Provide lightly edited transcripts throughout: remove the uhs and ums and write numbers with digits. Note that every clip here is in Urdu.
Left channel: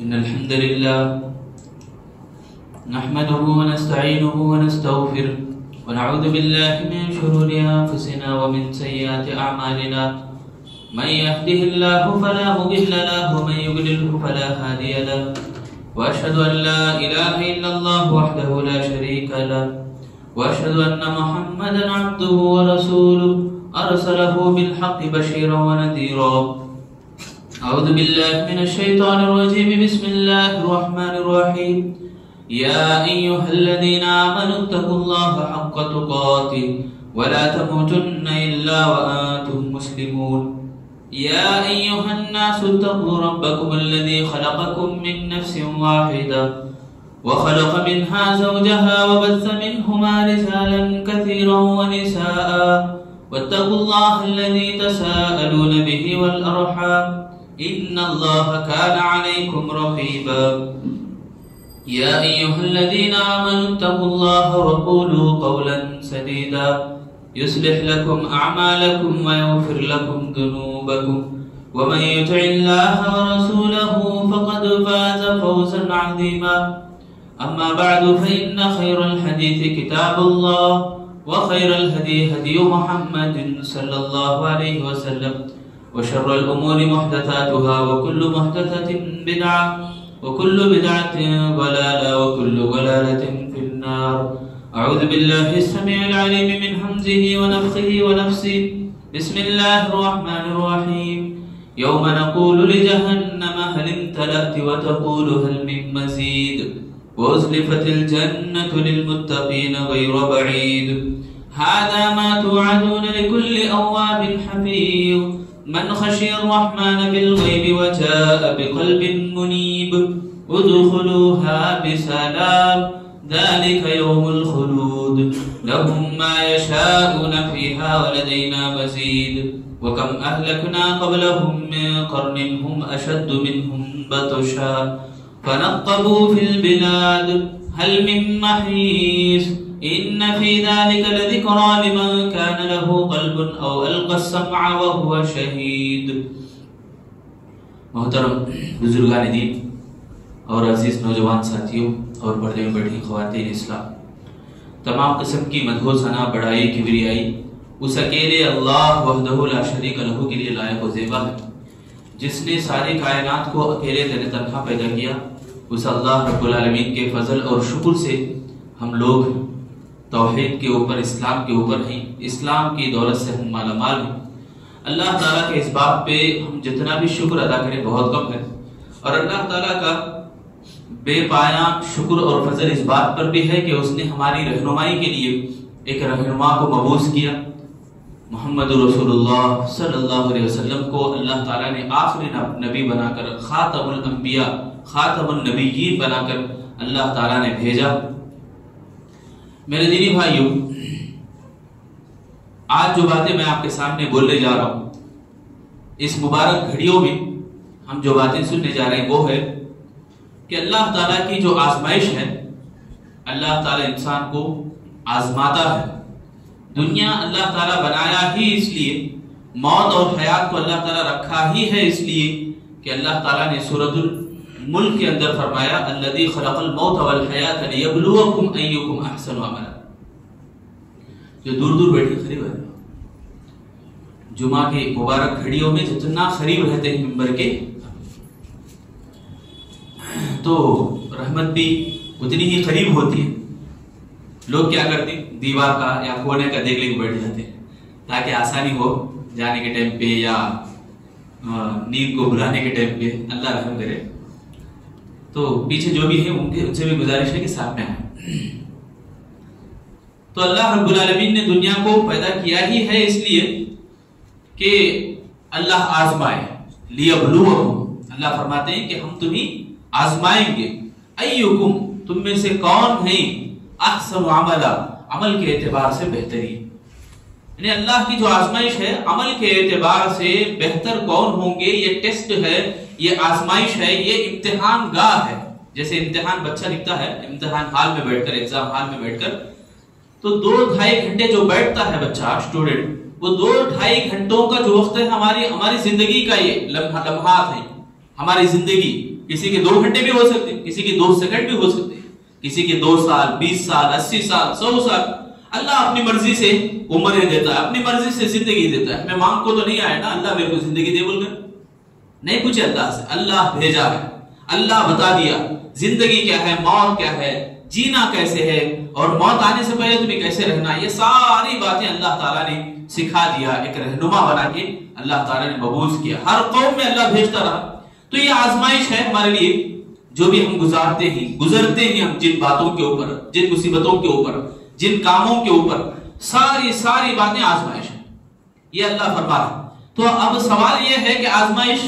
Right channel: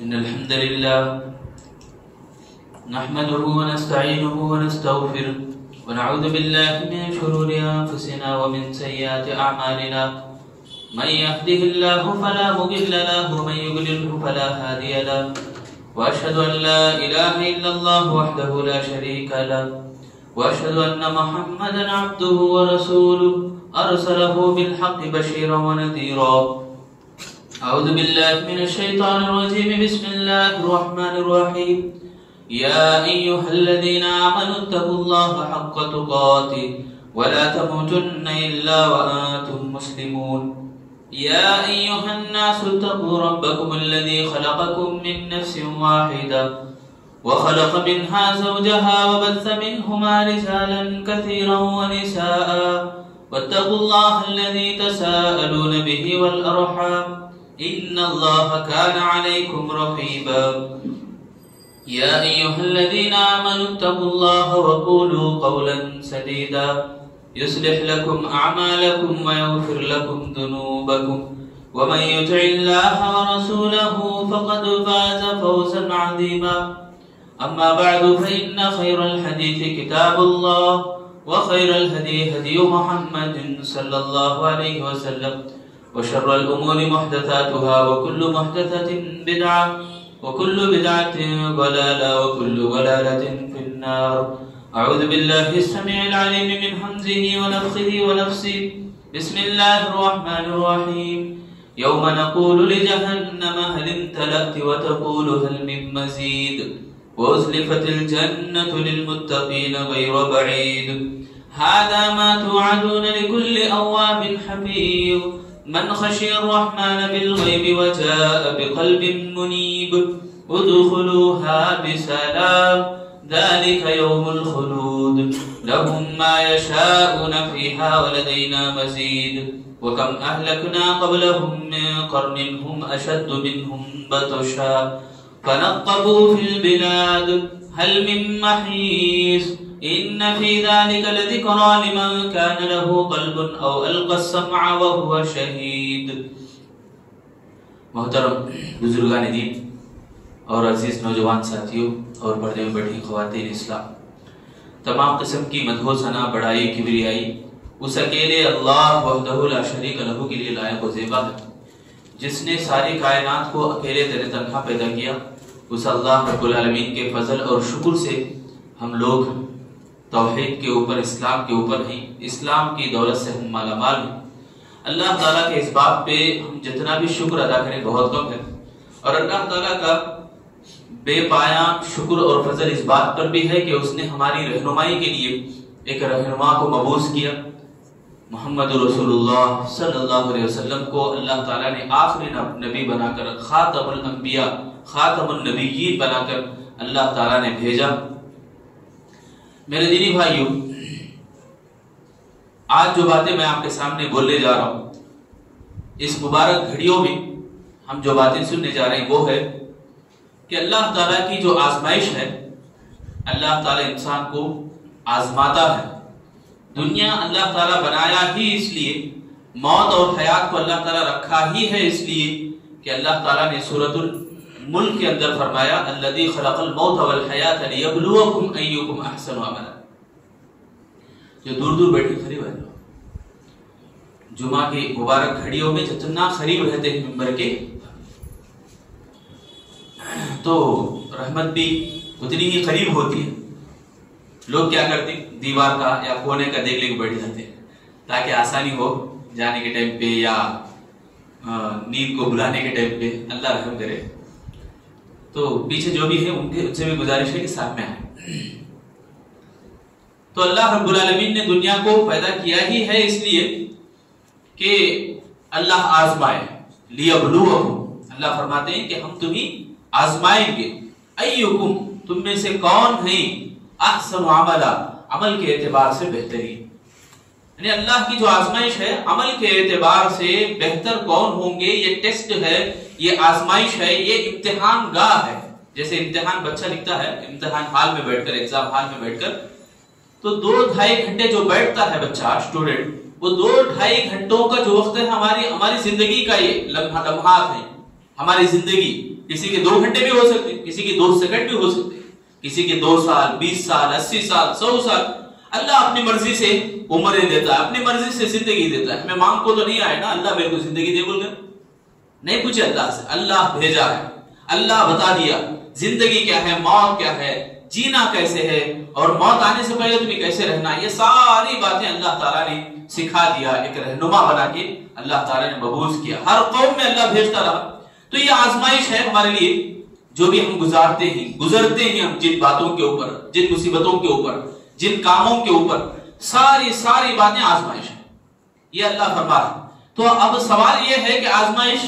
إن الحمد لله نحمده ونستعينه ونستغفره ونعوذ بالله من شرور أنفسنا ومن سيئات أعمالنا من يهده الله فلا مضل له ومن يضلل فلا هادي له وأشهد أن لا إله إلا الله وحده لا شريك له وأشهد أن محمدا عبده ورسوله أرسله بالحق بشيرا ونذيرا. أعوذ بالله من الشيطان الرجيم. بسم الله الرحمن الرحيم. يا أيها الذين آمنوا اتقوا الله حق تقاته ولا تموتن إلا وأنتم مسلمون. يا أيها الناس اتقوا ربكم الذي خلقكم من نفس واحدة وخلق منها زوجها وبث منهما رجالا كثيرا ونساء واتقوا الله الذي تساءلون به والأرحام إن الله كان عليكم رقيبا. يا أيها الذين آمنوا اتقوا الله وقولوا قولا سديدا يصلح لكم أعمالكم ويغفر لكم ذنوبكم ومن يطع الله ورسوله فقد فاز فوزا عظيما. أما بعد فإن خير الحديث كتاب الله وخير الهدي هدي محمد صلى الله عليه وسلم وشر الأمور محدثاتها وكل محدثة بدعة وكل بدعة ضلالة وكل ضلالة في النار. أعوذ بالله السميع العليم من همزه ونفخه ونفسه. بسم الله الرحمن الرحيم. يوم نقول لجهنم هل امتلأت وتقول هل من مزيد وأزلفت الجنة للمتقين غير بعيد. هذا ما توعدون لكل أواب حفيظ من خشي الرحمن بالغيب وجاء بقلب منيب. ادخلوها بسلام ذلك يوم الخلود لهم ما يشاءون فيها ولدينا مزيد. وكم أهلكنا قبلهم من قرن هم أشد منهم بطشا فنقبوا في البلاد هل من محيص. إن في ذلك لذكرى لمن كان له قلب أو ألقى السمع وهو شهيد. محترم بزرگان دین اور عزیز نوجوان ساتھیوں اور پردے میں بیٹھی خواتین اسلام، تمام قسم کی مدح و ثنا، بڑائی، کبریائی اس اکیلے اللہ وحدہ لا شریک لہ کے لیے لائق و زیبا ہے، جس نے ساری کائنات کو اکیلے تنہا پیدا کیا. اس اللہ رب العالمین کے فضل اور شکر سے ہم لوگ توحید کے اوپر، اسلام کے اوپر ہیں، اسلام کی دولت سے ہم مالا مال ہیں. اللہ تعالیٰ کے اس بات پہ ہم جتنا بھی شکر ادا کریں بہت کم ہے، اور اللہ تعالیٰ کا بے پایاں شکر اور فضل اس بات پر بھی ہے کہ اس نے ہماری رہنمائی کے لیے ایک رہنما کو مبعوث کیا. محمد رسول اللہ صلی اللہ علیہ وسلم کو اللہ تعالیٰ نے آخری نبی بنا کر، خاتم الانبیاء، خاتم النبیین بنا کر اللہ تعالیٰ نے بھیجا. میرے دینی بھائیوں، آج جو باتیں میں آپ کے سامنے بولنے جا رہا ہوں، اس مبارک گھڑیوں میں ہم جو باتیں سننے جا رہے ہیں وہ ہے کہ اللہ تعالیٰ کی جو آزمائش ہے، اللہ تعالیٰ انسان کو آزماتا ہے. دنیا اللہ تعالیٰ بنایا ہی اس لیے، موت اور حیات کو اللہ تعالیٰ رکھا ہی ہے اس لیے کہ اللہ تعالیٰ نے سورۃ الملک کے اندر فرمایا الذی خلق الموت والحیات لیبلوکم ایکم احسن عملا. جو دور دور بیٹھے قریب ہے، جمعہ کے مبارک گھڑیوں میں جتنا قریب رہتے ہیں ممبر کے، تو رحمت بھی اتنی ہی قریب ہوتی ہے. لوگ کیا کرتے ہیں، دیوار کا یا کونے کا دیکھ لے کے بیٹھ جاتے ہیں تاکہ آسانی ہو جانے کے ٹائم پہ یا نیند کو بلانے کے ٹائم پہ. اللہ رحم کرے. تو پیچھے جو بھی ہے ان سے بھی گزارش ہے کہ ساتھ میں آئیں. تو اللہ رب العالمین نے دنیا کو پیدا کیا ہی ہے اس لیے کہ اللہ آزمائے. لیبلوکم، اللہ فرماتے ہیں کہ ہم تمہیں آزمائیں گے. ایکم، تم میں سے کون ہیں احسن عملا، عمل کے اعتبار سے بہترین. یعنی اللہ کی جو آزمائش ہے، عمل کے اعتبار سے بہتر کون ہوں گے. یہ ٹیسٹ ہے، یہ آزمائش ہے، یہ امتحان گاہ ہے. جیسے امتحان بچہ لکھتا ہے امتحان ہال میں بیٹھ کر، ایگزام ہال میں بیٹھ کر، تو 2-2.5 گھنٹے جو بیٹھتا ہے بچہ، اسٹوڈنٹ، وہ 2-2.5 گھنٹوں کا جو وقت ہے ہماری زندگی کا یہ لمحات ہیں. ہماری زندگی کسی کے 2 گھنٹے بھی ہو سکتے، کسی کے 2 سیکنڈ بھی ہو سکتے، کسی کے 2 سال 20 سال 80 سال 100 سال. اللہ اپنی مرضی سے عمریں دیتا ہے، اپنی مرضی سے زندگی دیتا ہے. میں مانگ کو تو نہیں آیا نا اللہ میرے کو زندگی دے بول کر، نہیں پوچھے اللہ سے، اللہ بھیجا ہے، اللہ بتا دیا زندگی کیا ہے، موت کیا ہے، جینا کیسے ہے، اور موت آنے سے پہلے تمہیں کیسے رہنا. یہ ساری باتیں اللہ تعالیٰ نے سکھا دیا، ایک رہنما بنا کے اللہ تعالیٰ نے مبعوث کیا. ہر قوم میں اللہ بھیجتا رہا. تو یہ آزمائش ہے ہمارے لیے، جو بھی ہم گزرتے ہیں ہم جن باتوں کے اوپر، جن مصیبتوں کے اوپر، جن کاموں کے اوپر، ساری باتیں آزمائش ہے. یہ اللہ فرما رہا. تو اب سوال یہ ہے کہ آزمائش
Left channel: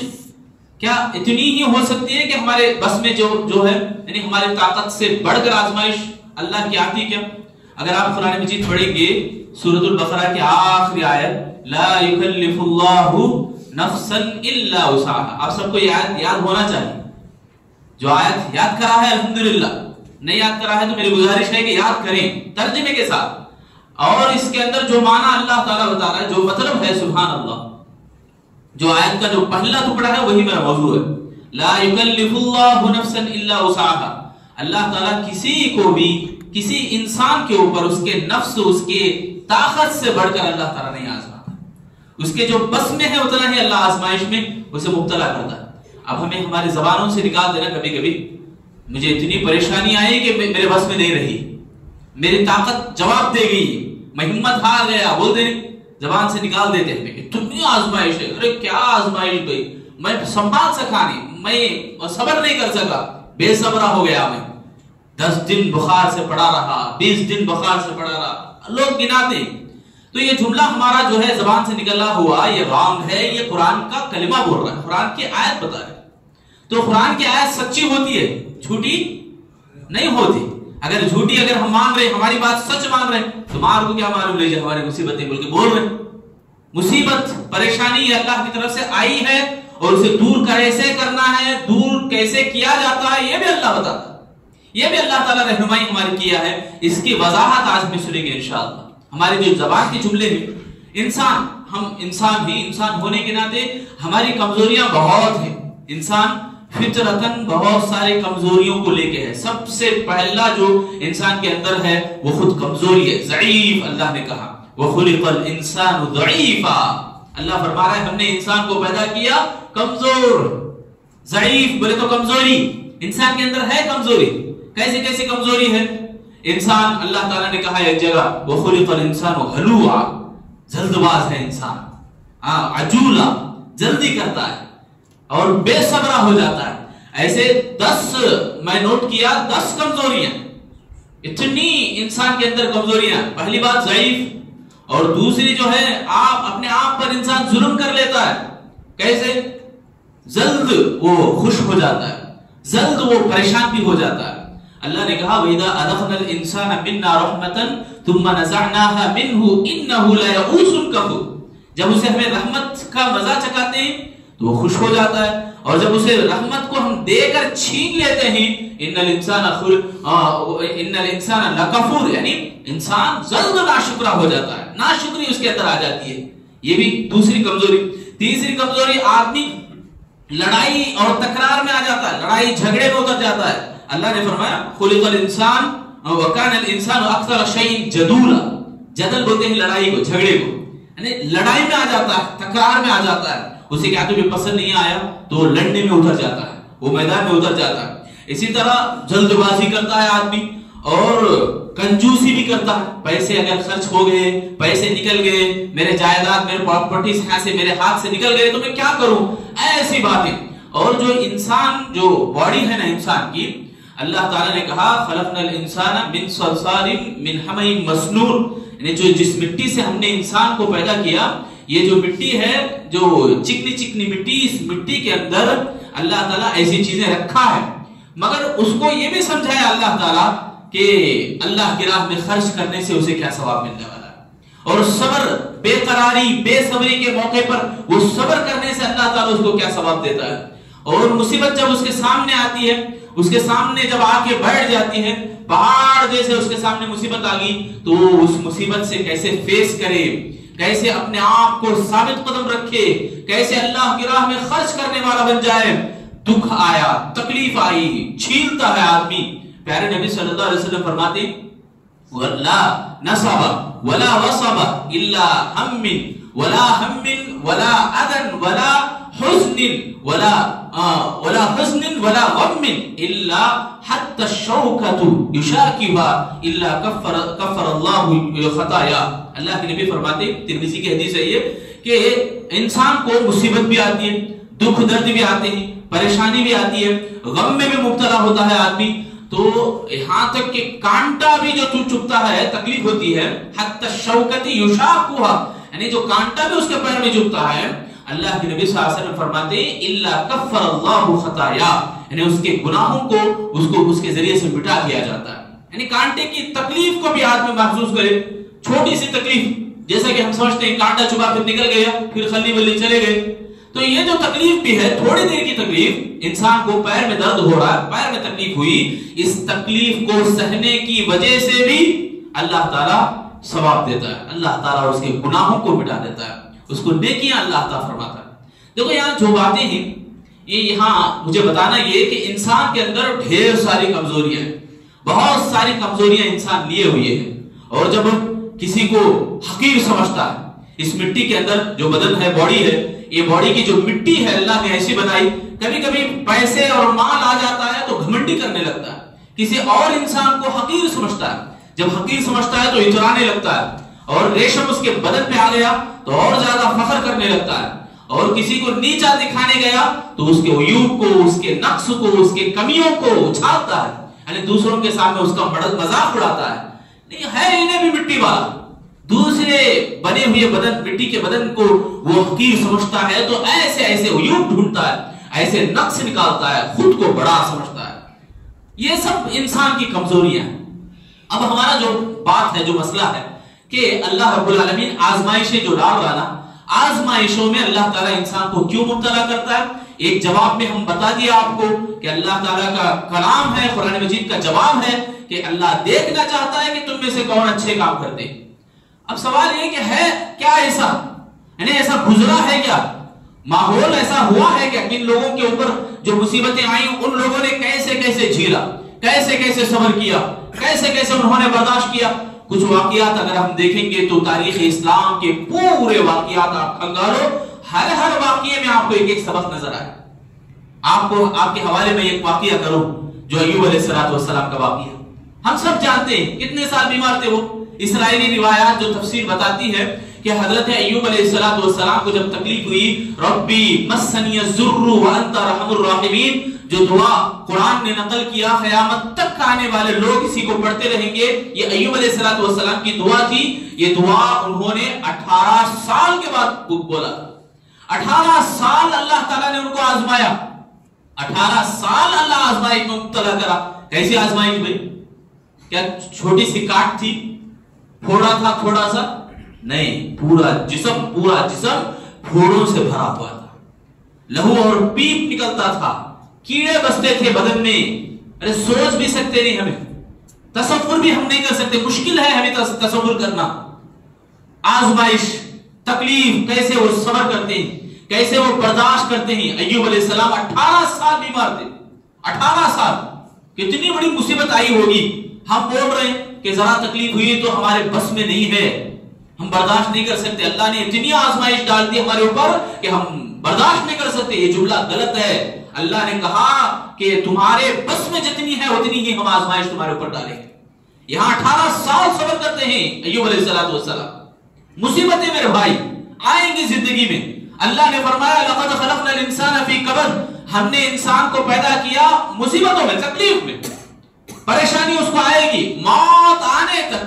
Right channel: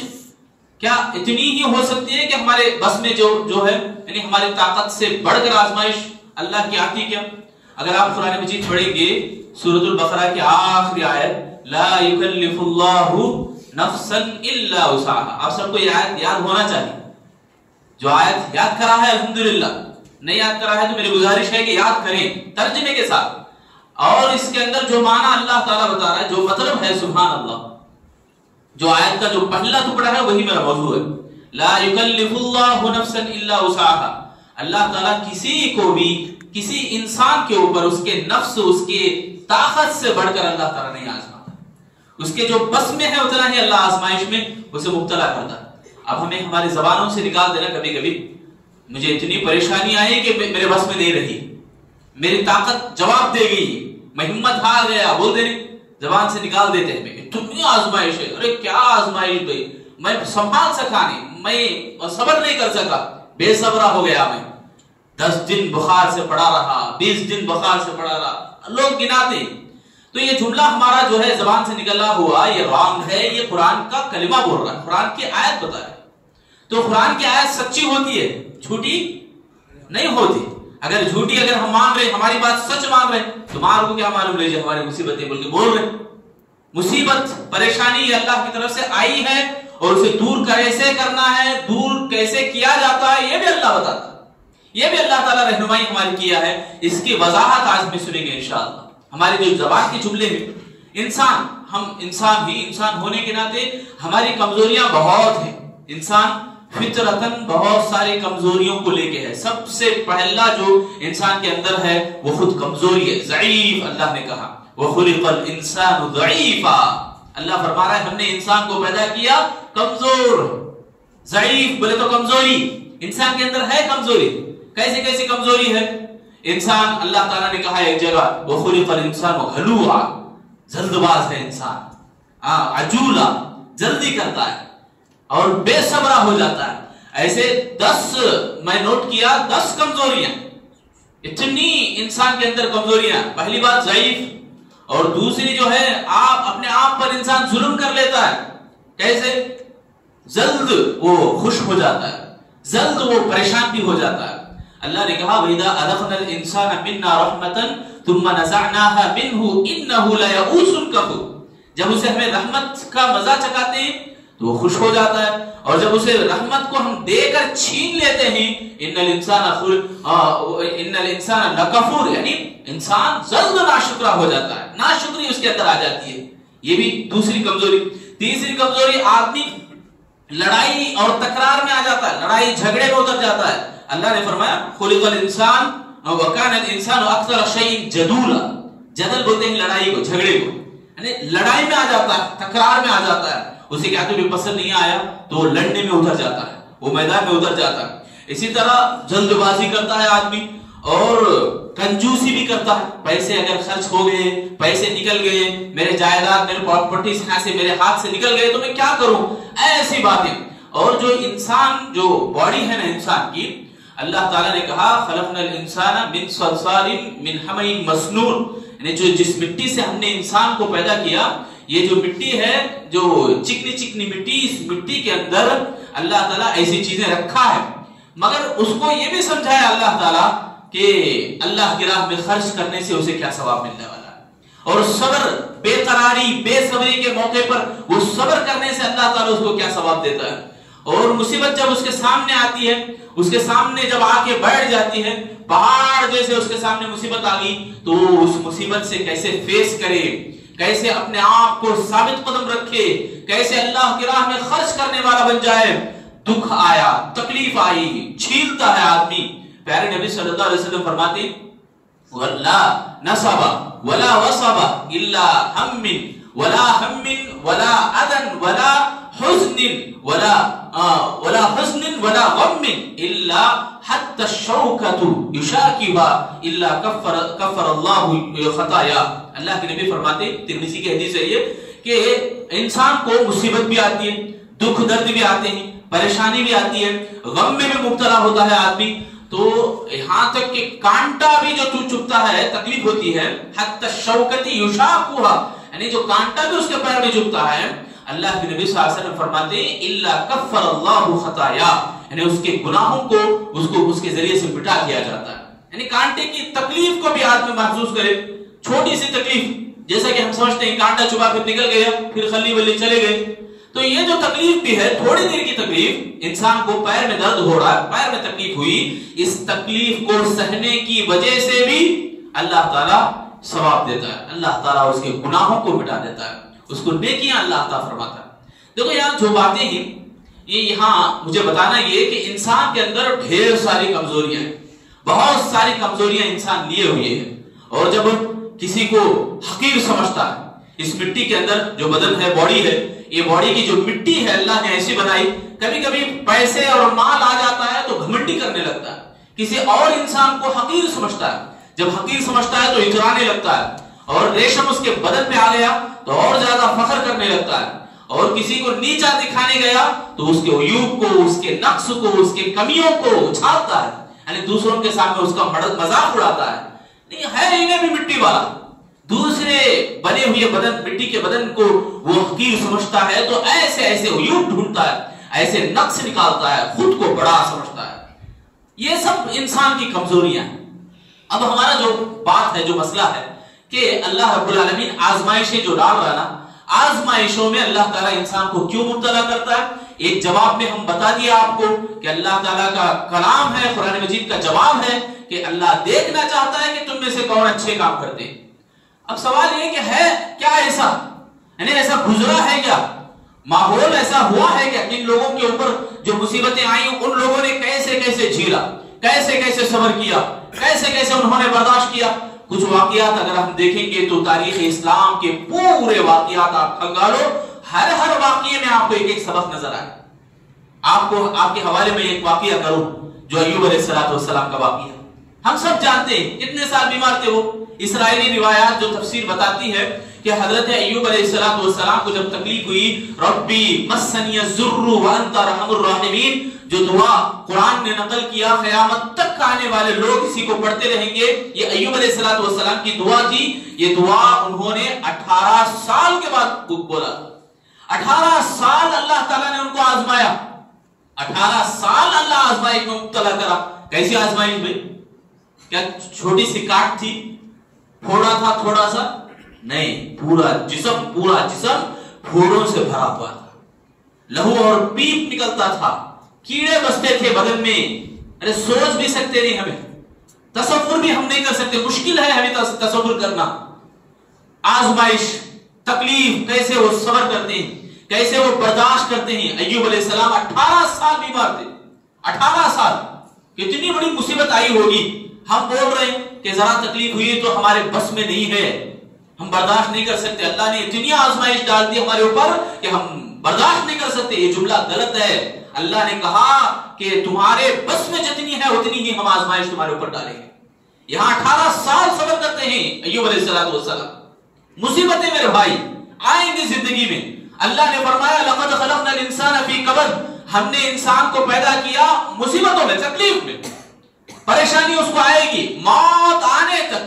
کیا اتنی ہی ہو سکتی ہے کہ ہمارے بس میں جو ہے، یعنی ہماری طاقت سے بڑھ کر آزمائش اللہ کی آتی کیا؟ اگر آپ قرآن مجید پڑھیں گے سورۃ البقرہ کی آخری آیت، لا یکلف اللہ نفسا الا وسعها، آپ سب کو یہ آیت یاد ہونا چاہیے. جو آیت یاد کرا ہے الحمدللہ، نہیں یاد کرا ہے تو میری گزارش ہے کہ یاد کریں ترجمے کے ساتھ. اور اس کے اندر جو معنی اللہ تعالیٰ بتا رہا ہے، جو مطلب ہے، سبحان اللہ، جو آیت کا جو پہلا ٹکڑا ہے وہی میرا موضوع ہے. لا یکلف اللہ نفسا الا وسعها، اللہ تعالیٰ کسی کو بھی، کسی انسان کے اوپر اس کے نفس، اس کے طاقت سے بڑھ کر اللہ تعالیٰ نہیں آزماتا. اس کے جو بس میں ہے اتنا ہی اللہ آزمائش میں اسے مبتلا کرتا. اب ہمیں ہماری زبانوں سے نکال دینا، کبھی کبھی مجھے اتنی پریشانی آئی کہ میرے بس میں نہیں رہی، میری طاقت جواب دے گئی، میں ہمت ہار گیا، بول دے، زبان سے نکال دیتے ہیں. اتنی آزمائش ہے، ارے کیا آزمائش بھائی، میں سنبھال سکا نہیں، میں صبر نہیں کر سکا، بے صبرا ہو گیا. میں 10 دن بخار سے پڑا رہا، 20 دن بخار سے پڑا رہا، لوگ گناتے. تو یہ جملہ ہمارا جو ہے زبان سے نکلا ہوا، یہ رانگ ہے. یہ قرآن کا کلمہ بول رہا ہے، قرآن کی آیت بتا رہا ہے. تو قرآن کی آیت سچی ہوتی ہے، جھوٹی نہیں ہوتی. اگر جھوٹی اگر ہم مان رہے، ہماری بات سچ مان رہے، تمہارے کو کیا معلوم لیجیے ہماری مصیبتیں بول کے بول رہے. مصیبت پریشانی یہ اللہ کی طرف سے آئی ہے، اور اسے دور کیسے کرنا ہے، دور کیسے کیا جاتا ہے، یہ بھی اللہ بتاتا ہے. یہ بھی اللہ تعالیٰ رہنمائی ہماری کیا ہے. اس کی وضاحت آج میں سنیں گے انشاءاللہ. ہماری جو زبان کے جملے ہیں، انسان، ہم انسان ہی، انسان ہونے کے ناطے ہماری کمزوریاں بہت ہیں. انسان فطرتاً بہت سارے کمزوریوں کو لے کے ہے. سب سے پہلا جو انسان کے اندر ہے وہ خود کمزوری ہے، ضعیف. اللہ نے کہا وَخُلِقَ الْإِنسَانُ ضَعِيفًا، اللہ فرما رہا ہے ہم نے انسان کو پیدا کیا کمزور، ضعیف. بولے تو کمزوری انسان کے اندر ہے. کمزوری کیسے کمزوری ہے؟ انسان، اللہ تعالیٰ نے کہا ایک جگہ وَخُلِقَ الْإِنسَانُ هَلُوعًا، جلد باز ہے انسان، عجولا، جلدی کرتا ہے اور بے صبرا ہو جاتا ہے. ایسے 10 میں نوٹ کیا، 10 کمزوریاں، اتنی انسان کے اندر کمزوریاں. پہلی بات ضعیف، اور دوسری جو ہے آپ اپنے آپ پر انسان ظلم کر لیتا ہے. کیسے؟ جلد وہ خوش ہو جاتا ہے، جلد وہ پریشان بھی ہو جاتا ہے. اللہ نے کہا وَإِذَا أَذَقْنَا الْإِنسَانَ مِنَّا رَحْمَةً ثُمَّ نَزَعْنَاهَا مِنْهُ إِنَّهُ لَيَئُوسٌ كَفُورٌ، جب اسے ہمیں رحمت کا مزہ چکھاتے ہیں تو وہ خوش ہو جاتا ہے، اور جب اسے رحمت کو ہم دے کر چھین لیتے ہیں ان الانسان لکفور، یعنی انسان جلد ناشکرا ہو جاتا ہے، ناشکری اس کے اندر آ جاتی ہے. یہ بھی دوسری کمزوری. تیسری کمزوری، آدمی لڑائی اور تکرار میں آ جاتا ہے، لڑائی جھگڑے میں اتر جاتا ہے. اللہ نے فرمایا خلق الانسان وکان الانسان اکثر شیء جدولا، جدل بولتے ہیں لڑائی کو، جھگڑے کو، یعنی لڑائی میں آ جاتا ہے، تکرار میں آ جاتا ہے. اسے کیا تمہیں پسند نہیں آیا تو وہ لڑنے میں اتر جاتا ہے، وہ میدان میں اتر جاتا ہے. اسی طرح جلد بازی کرتا ہے آدمی، اور کنجوسی بھی کرتا ہے. پیسے اگر خرچ ہو گئے، پیسے نکل گئے، میرے جائیداد، میرے پراپرٹی سے میرے ہاتھ سے نکل گئے تو میں کیا کروں، ایسی باتیں. اور جو انسان، جو باڈی ہے نا انسان کی، اللہ تعالیٰ نے کہا خلقنا الانسان من صلصال من حمأ مسنون، یعنی جو جس مٹی سے ہم نے انسان کو پیدا کیا، یہ جو مٹی ہے، جو چکنی مٹی، اس مٹی کے اندر اللہ تعالیٰ ایسی چیزیں رکھا ہے. مگر اس کو یہ بھی سمجھایا اللہ تعالیٰ کہ اللہ کی راہ میں خرچ کرنے سے اسے کیا ثواب ملنے والا ہے. اور صبر، بے قراری، بے صبری کے موقع پر وہ صبر کرنے سے اللہ تعالیٰ اس کو کیا ثواب دیتا ہے. اور مصیبت جب اس کے سامنے آتی ہے، اس کے سامنے جب آ کے بیٹھ جاتی ہے، پہاڑ جیسے اس کے سامنے مصیبت آ گئی، تو اس مصیبت سے کیسے فیس کرے، کیسے اپنے آپ کو ثابت قدم رکھے، کیسے اللہ کی راہ میں خرچ کرنے والا بن جائے. دکھ آیا، تکلیف آئی، چھیلتا ہے آدمی، پیارے نبی صلی اللہ علیہ وسلم فرماتے وَلَا نَصَبَ وَلَا وَصَبَ إِلَّا هَمٍّ وَلَا هَمٍّ وَلَا أَذًى وَلَا حُزْنٍ وَلَا حُزْنٍ وَلَا غَمٍّ إِلَّا حَتَّى الشَّوْكَةُ يُشَاكِبَهَا إِلَّا كَفَّرَ اللَّهُ خَطَايَاهُ۔ اللہ کے نبی فرماتے، ترمذی کی حدیث ہے یہ، کہ انسان کو مصیبت بھی آتی ہے، دکھ درد بھی آتے ہیں، پریشانی بھی آتی ہے، غم میں بھی مبتلا ہوتا ہے آدمی، تو یہاں تک کہ کانٹا بھی جو چبھتا ہے تکلیف ہوتی ہے، حتی الشوکۃ یشاقها، یعنی جو کانٹا بھی اس کے پیر میں چبھتا ہے، اللہ کے نبی صلی اللہ علیہ وسلم فرماتے الا کفر اللہ خطایا، یعنی اس کے گناہوں کو اس کے ذریعے سے مٹا دیا جاتا ہے۔ یعنی کانٹے کی تکلیف کو بھی آدمی محسوس کرے، چھوٹی سی تکلیف، جیسا کہ ہم سمجھتے ہیں کانٹا چبھا پھر نکل گیا، پھر خلی ولی چلے گئے، تو یہ جو تکلیف بھی ہے، تھوڑی دیر کی تکلیف، انسان کو پیر میں درد ہو رہا ہے، پیر میں تکلیف ہوئی، اس تکلیف کو سہنے کی وجہ سے بھی اللہ تعالیٰ ثواب دیتا ہے، اللہ تعالیٰ اس کے گناہوں کو مٹا دیتا ہے، اس کو نیکیاں اللہ تعالیٰ فرماتا ہے۔ دیکھو یہاں جو باتیں ہیں، یہ یہاں مجھے بتانا یہ کہ انسان کے اندر ڈھیر ساری کمزوریاں ہیں، بہت ساری کمزوریاں انسان لیے ہوئے ہیں، اور جب کسی کو حقیر سمجھتا ہے، اس مٹی کے اندر جو بدن ہے، باڈی ہے، یہ باڈی کی جو مٹی ہے اللہ نے ایسی بنائی، کبھی کبھی پیسے اور مال آ جاتا ہے تو گھمنڈی کرنے لگتا ہے، کسی اور انسان کو حقیر سمجھتا ہے، جب حقیر سمجھتا ہے تو اترانے لگتا ہے، اور ریشم اس کے بدن پہ آ گیا تو اور زیادہ فخر کرنے لگتا ہے، اور کسی کو نیچا دکھانے گیا تو اس کے عیوب کو، اس کے نقص کو، اس کے کمیوں کو اچھالتا ہے، یعنی دوسروں کے سامنے اس کا مذاق اڑاتا ہے، نہیں ہے انہیں بھی مٹی والا، دوسرے بنے ہوئے بدن، مٹی کے بدن کو وہ حقیر سمجھتا ہے، تو ایسے ایسے عیوب ڈھونڈتا ہے، ایسے نقص نکالتا ہے، خود کو بڑا سمجھتا ہے۔ یہ سب انسان کی کمزوریاں ہیں۔ اب ہمارا جو بات ہے، جو مسئلہ ہے کہ اللہ رب العالمین آزمائشیں جو ڈال رہا نا، آزمائشوں میں اللہ تعالیٰ انسان کو کیوں مبتلا کرتا ہے؟ ایک جواب میں ہم بتا دیا آپ کو کہ اللہ تعالیٰ کا کلام ہے، قرآن مجید کا جواب ہے کہ اللہ دیکھنا چاہتا ہے کہ تم میں سے کون اچھے کام کرتے ہیں۔ اب سوال یہ کہ ہے کیا ایسا، یعنی ایسا گزرا ہے کیا، ماحول ایسا ہوا ہے کیا، کن لوگوں کے اوپر جو مصیبتیں آئیں ان لوگوں نے کیسے کیسے جھیلا، کیسے کیسے صبر کیا، کیسے کیسے انہوں نے برداشت کیا۔ کچھ واقعات اگر ہم دیکھیں گے تو تاریخ اسلام کے پورے واقعات آپ کھنگالو، ہر واقعے میں آپ کو ایک ایک سبق نظر آئے۔ آپ کے حوالے میں ایک واقعہ کروں جو ایوب علیہ السلام کا واقعہ، ہم سب جانتے ہیں کتنے سال بیمار تھے وہ۔ اسرائیلی روایات جو تفسیر بتاتی ہے کہ حضرت ایوب علیہ السلام کو جب تکلیف ہوئی، ربی مسنی الضر وانت ارحم الراحمین، جو دعا قرآن نے نقل کیا، قیامت تک آنے والے لوگ اسی کو پڑھتے رہیں گے، یہ ایوب علیہ السلام کی دعا تھی۔ یہ دعا انہوں نے 18 سال کے بعد بولا، 18 سال اللہ تعالیٰ نے ان کو آزمایا، 18 سال اللہ آزمائش میں مبتلا کرا۔ کیسی آزمائش بھائی؟ کیا چھوٹی سی کاٹ تھی، پھوڑا تھا تھوڑا سا؟ نہیں، پورا جسم پھوڑوں سے بھرا ہوا تھا، لہو اور پیپ نکلتا تھا، کیڑے بستے تھے بدن میں۔ ارے سوچ بھی سکتے نہیں، ہمیں تصور بھی ہم نہیں کر سکتے، مشکل ہے ہمیں تصور کرنا۔ آزمائش، تکلیف، کیسے وہ صبر کرتے ہیں، کیسے وہ برداشت کرتے ہیں۔ ایوب علیہ السلام 18 سال بیمار تھے، 18 سال، کتنی بڑی مصیبت آئی ہوگی۔ ہم بول رہے ہیں کہ ذرا تکلیف ہوئی تو ہمارے بس میں نہیں ہے، ہم برداشت نہیں کر سکتے، اللہ نے اتنی آزمائش ڈال دی ہمارے اوپر کہ ہم برداشت نہیں کر سکتے۔ یہ جملہ غلط ہے۔ اللہ نے کہا کہ تمہارے بس میں جتنی ہے اتنی ہی ہم آزمائش تمہارے اوپر ڈالیں گے۔ یہاں 18 سال صبر کرتے ہیں ایوب علیہ السلام۔ مصیبتیں میرے بھائی آئیں گی زندگی میں۔ اللہ نے فرمایا لقد خلقنا الانسان فی کبد، ہم نے انسان کو پیدا کیا مصیبتوں میں، تکلیف میں، پریشانی اس کو آئے گی، موت آنے تک۔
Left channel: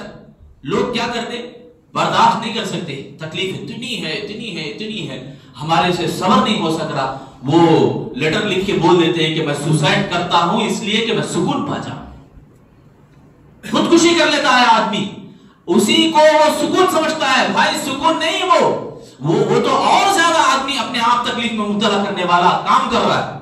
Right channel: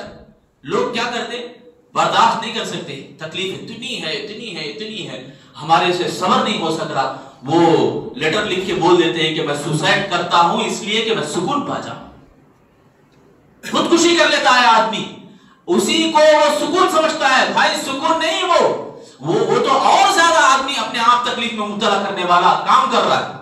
لوگ کیا کرتے؟ برداشت نہیں کر سکتے، تکلیف اتنی ہے، ہمارے سے صبر نہیں ہو سک رہا، وہ لیٹر لکھ کے بول دیتے ہیں کہ میں سوسائڈ کرتا ہوں اس لیے کہ میں سکون پا جاؤں۔ خودکشی کر لیتا ہے آدمی، اسی کو وہ سکون سمجھتا ہے۔ بھائی سکون نہیں، وہ تو اور زیادہ آدمی اپنے آپ تکلیف میں مبتلا کرنے والا کام کر رہا ہے،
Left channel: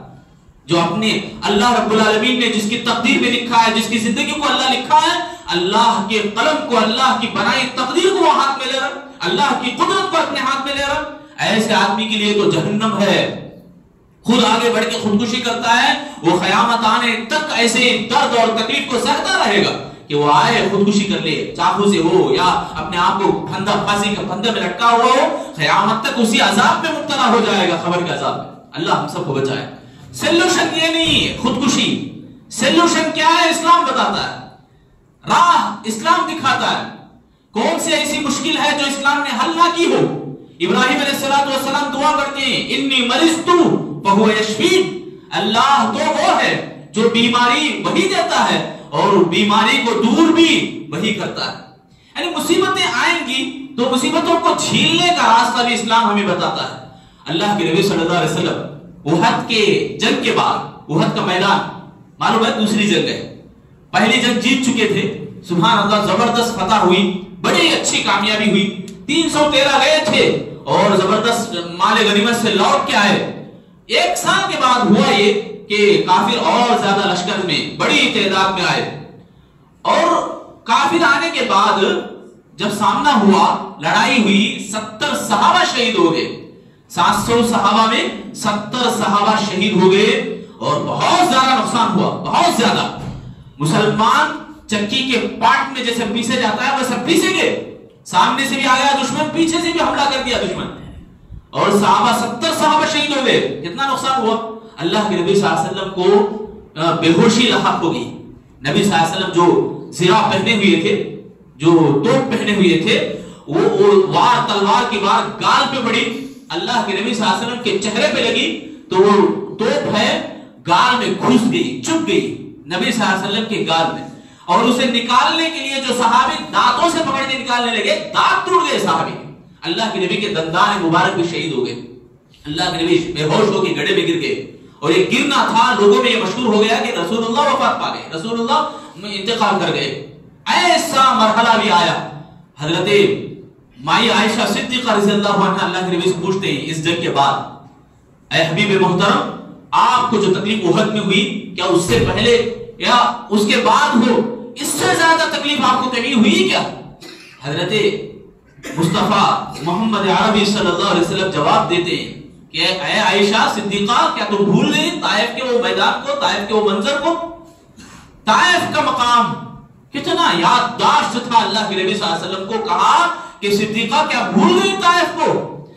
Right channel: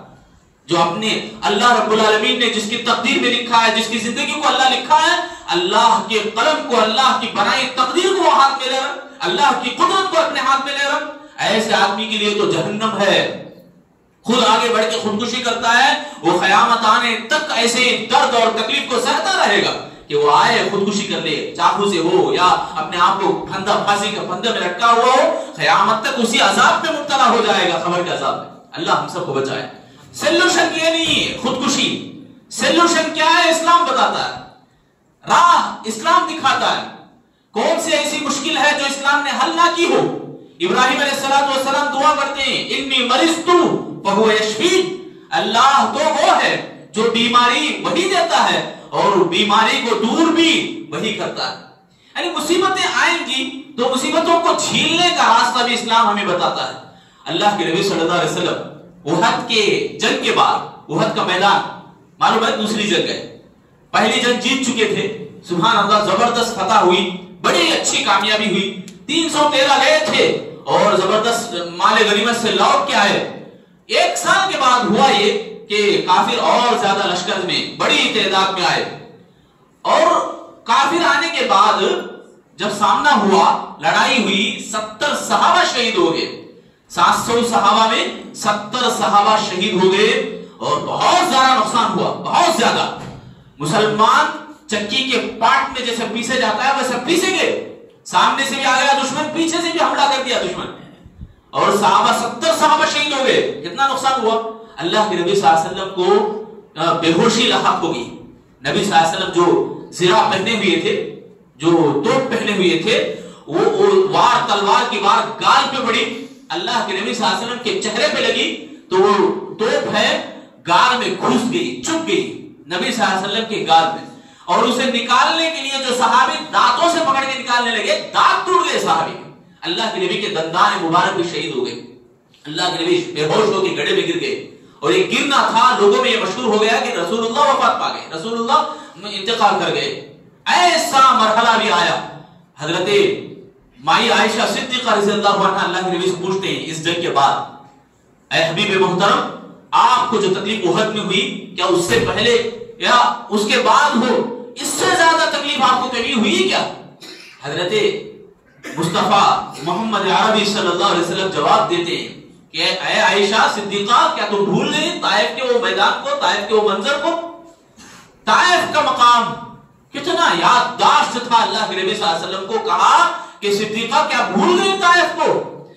جو اپنے اللہ رب العالمین نے جس کی تقدیر میں لکھا ہے، جس کی زندگی کو اللہ لکھا ہے، اللہ کے قلم کو، اللہ کی بنائی تقدیر کو وہ ہاتھ میں لے رہا ہے، اللہ کی قدرت کو اپنے ہاتھ میں لے رہا ہے، ایسے آدمی کے لیے تو جہنم ہے۔ خود آگے بڑھ کے خودکشی کرتا ہے، وہ قیامت آنے تک ایسے درد اور تکلیف کو سہتا رہے گا کہ وہ آئے خودکشی کر لے، چاقو سے ہو یا اپنے آپ کو پھانسی کے پھندے میں لٹکا ہوا ہو، قیامت تک اسی عذاب میں مبتلا ہو جائے گا، قبر کے عذاب میں۔ اللہ ہم سب کو بچائے۔ سولوشن یہ نہیں ہے خودکشی، سولوشن کیا ہے؟ اسلام بتاتا ہے، راہ اسلام دکھاتا ہے۔ کون سی ایسی مشکل ہے جو اسلام نے حل نہ کی ہو؟ ابراہیم علیہ السلام دعا کرتے ہیں، انی مرضت فہو یشفین، اللہ تو وہ ہے جو بیماری وہی دیتا ہے اور بیماری کو دور بھی وہی کرتا ہے۔ یعنی مصیبتیں آئیں گی تو مصیبتوں کو جھیلنے کا راستہ بھی اسلام ہمیں بتاتا ہے۔ اللہ کے نبی صلی اللہ علیہ وسلم احد کے جنگ کے بعد، احد کا میدان معلوم ہے دوسری جنگ ہے، پہلی جنگ جیت چکے تھے، سبحان اللہ، زبردست فتح ہوئی، بڑی اچھی کامیابی ہوئی، 313 گئے تھے اور زبردست مال غنیمت سے لوٹ کے آئے۔ ایک سال کے بعد ہوا یہ کہ کافر اور زیادہ لشکر میں بڑی تعداد میں آئے، اور کافر آنے کے بعد جب سامنا ہوا، لڑائی ہوئی، 70 صحابہ شہید ہو گئے، 700 صحابہ میں 70 صحابہ شہید ہو گئے اور بہت زیادہ نقصان ہوا، بہت زیادہ۔ مسلمان چکی کے پاٹ میں جیسے پیسے جاتا ہے ویسے پیسے گئے، سامنے سے بھی آ گیا دشمن، پیچھے سے بھی حملہ کر دیا دشمن، اور صحابہ 70 صحابہ شہید ہو گئے۔ کتنا نقصان ہوا؟ اللہ کے نبی صلی اللہ علیہ وسلم کو بے ہوشی لاحق ہو گئی۔ نبی صلی اللہ علیہ وسلم جو زرہ پہنے ہوئے تھے، جو توپ پہنے ہوئے تھے، وہ وار تلوار کی وار گال پہ پڑی، اللہ کے نبی صلی اللہ علیہ وسلم کے چہرے پہ لگی تو وہ توپ ہے گال میں گھس گئی، چپ گئی نبی صلی اللہ علیہ وسلم کے گال میں، اور اسے نکالنے کے لیے جو صحابی دانتوں سے پکڑ کے نکالنے لگے، دانت ٹوٹ گئے صحابی کے، اللہ کے نبی کے دندان مبارک بھی شہید ہو گئے، اللہ کے نبی بے ہوش ہو کے گڑھے میں گر گئے، اور یہ گرنا تھا لوگوں میں یہ مشہور ہو گیا کہ رسول اللہ وفات پا گئے، رسول اللہ انتقال کر گئے۔ ایسا مرحلہ بھی آیا، حضرت مائی عائشہ صدیقہ رضی اللہ عنہ اللہ کے نبی سے پوچھتے ہیں اس جنگ کے بعد، اے حبیب محترم، آپ کو جو تکلیف احد میں ہوئی کیا اس سے پہلے یا اس کے بعد ہو، اس سے زیادہ تکلیف آپ کو کبھی ہوئی کیا؟ حضرت مصطفیٰ محمد عربی صلی اللہ علیہ وسلم جواب دیتے ہیں کہ اے عائشہ صدیقہ، کیا تم بھول گئی طائف کے وہ میدان کو، طائف کے وہ منظر کو؟ طائف کا مقام کتنا یادداشت تھا، اللہ کے نبی صلی اللہ علیہ وسلم کو کہا کہ صدیقہ کیا بھول گئی طائف کو؟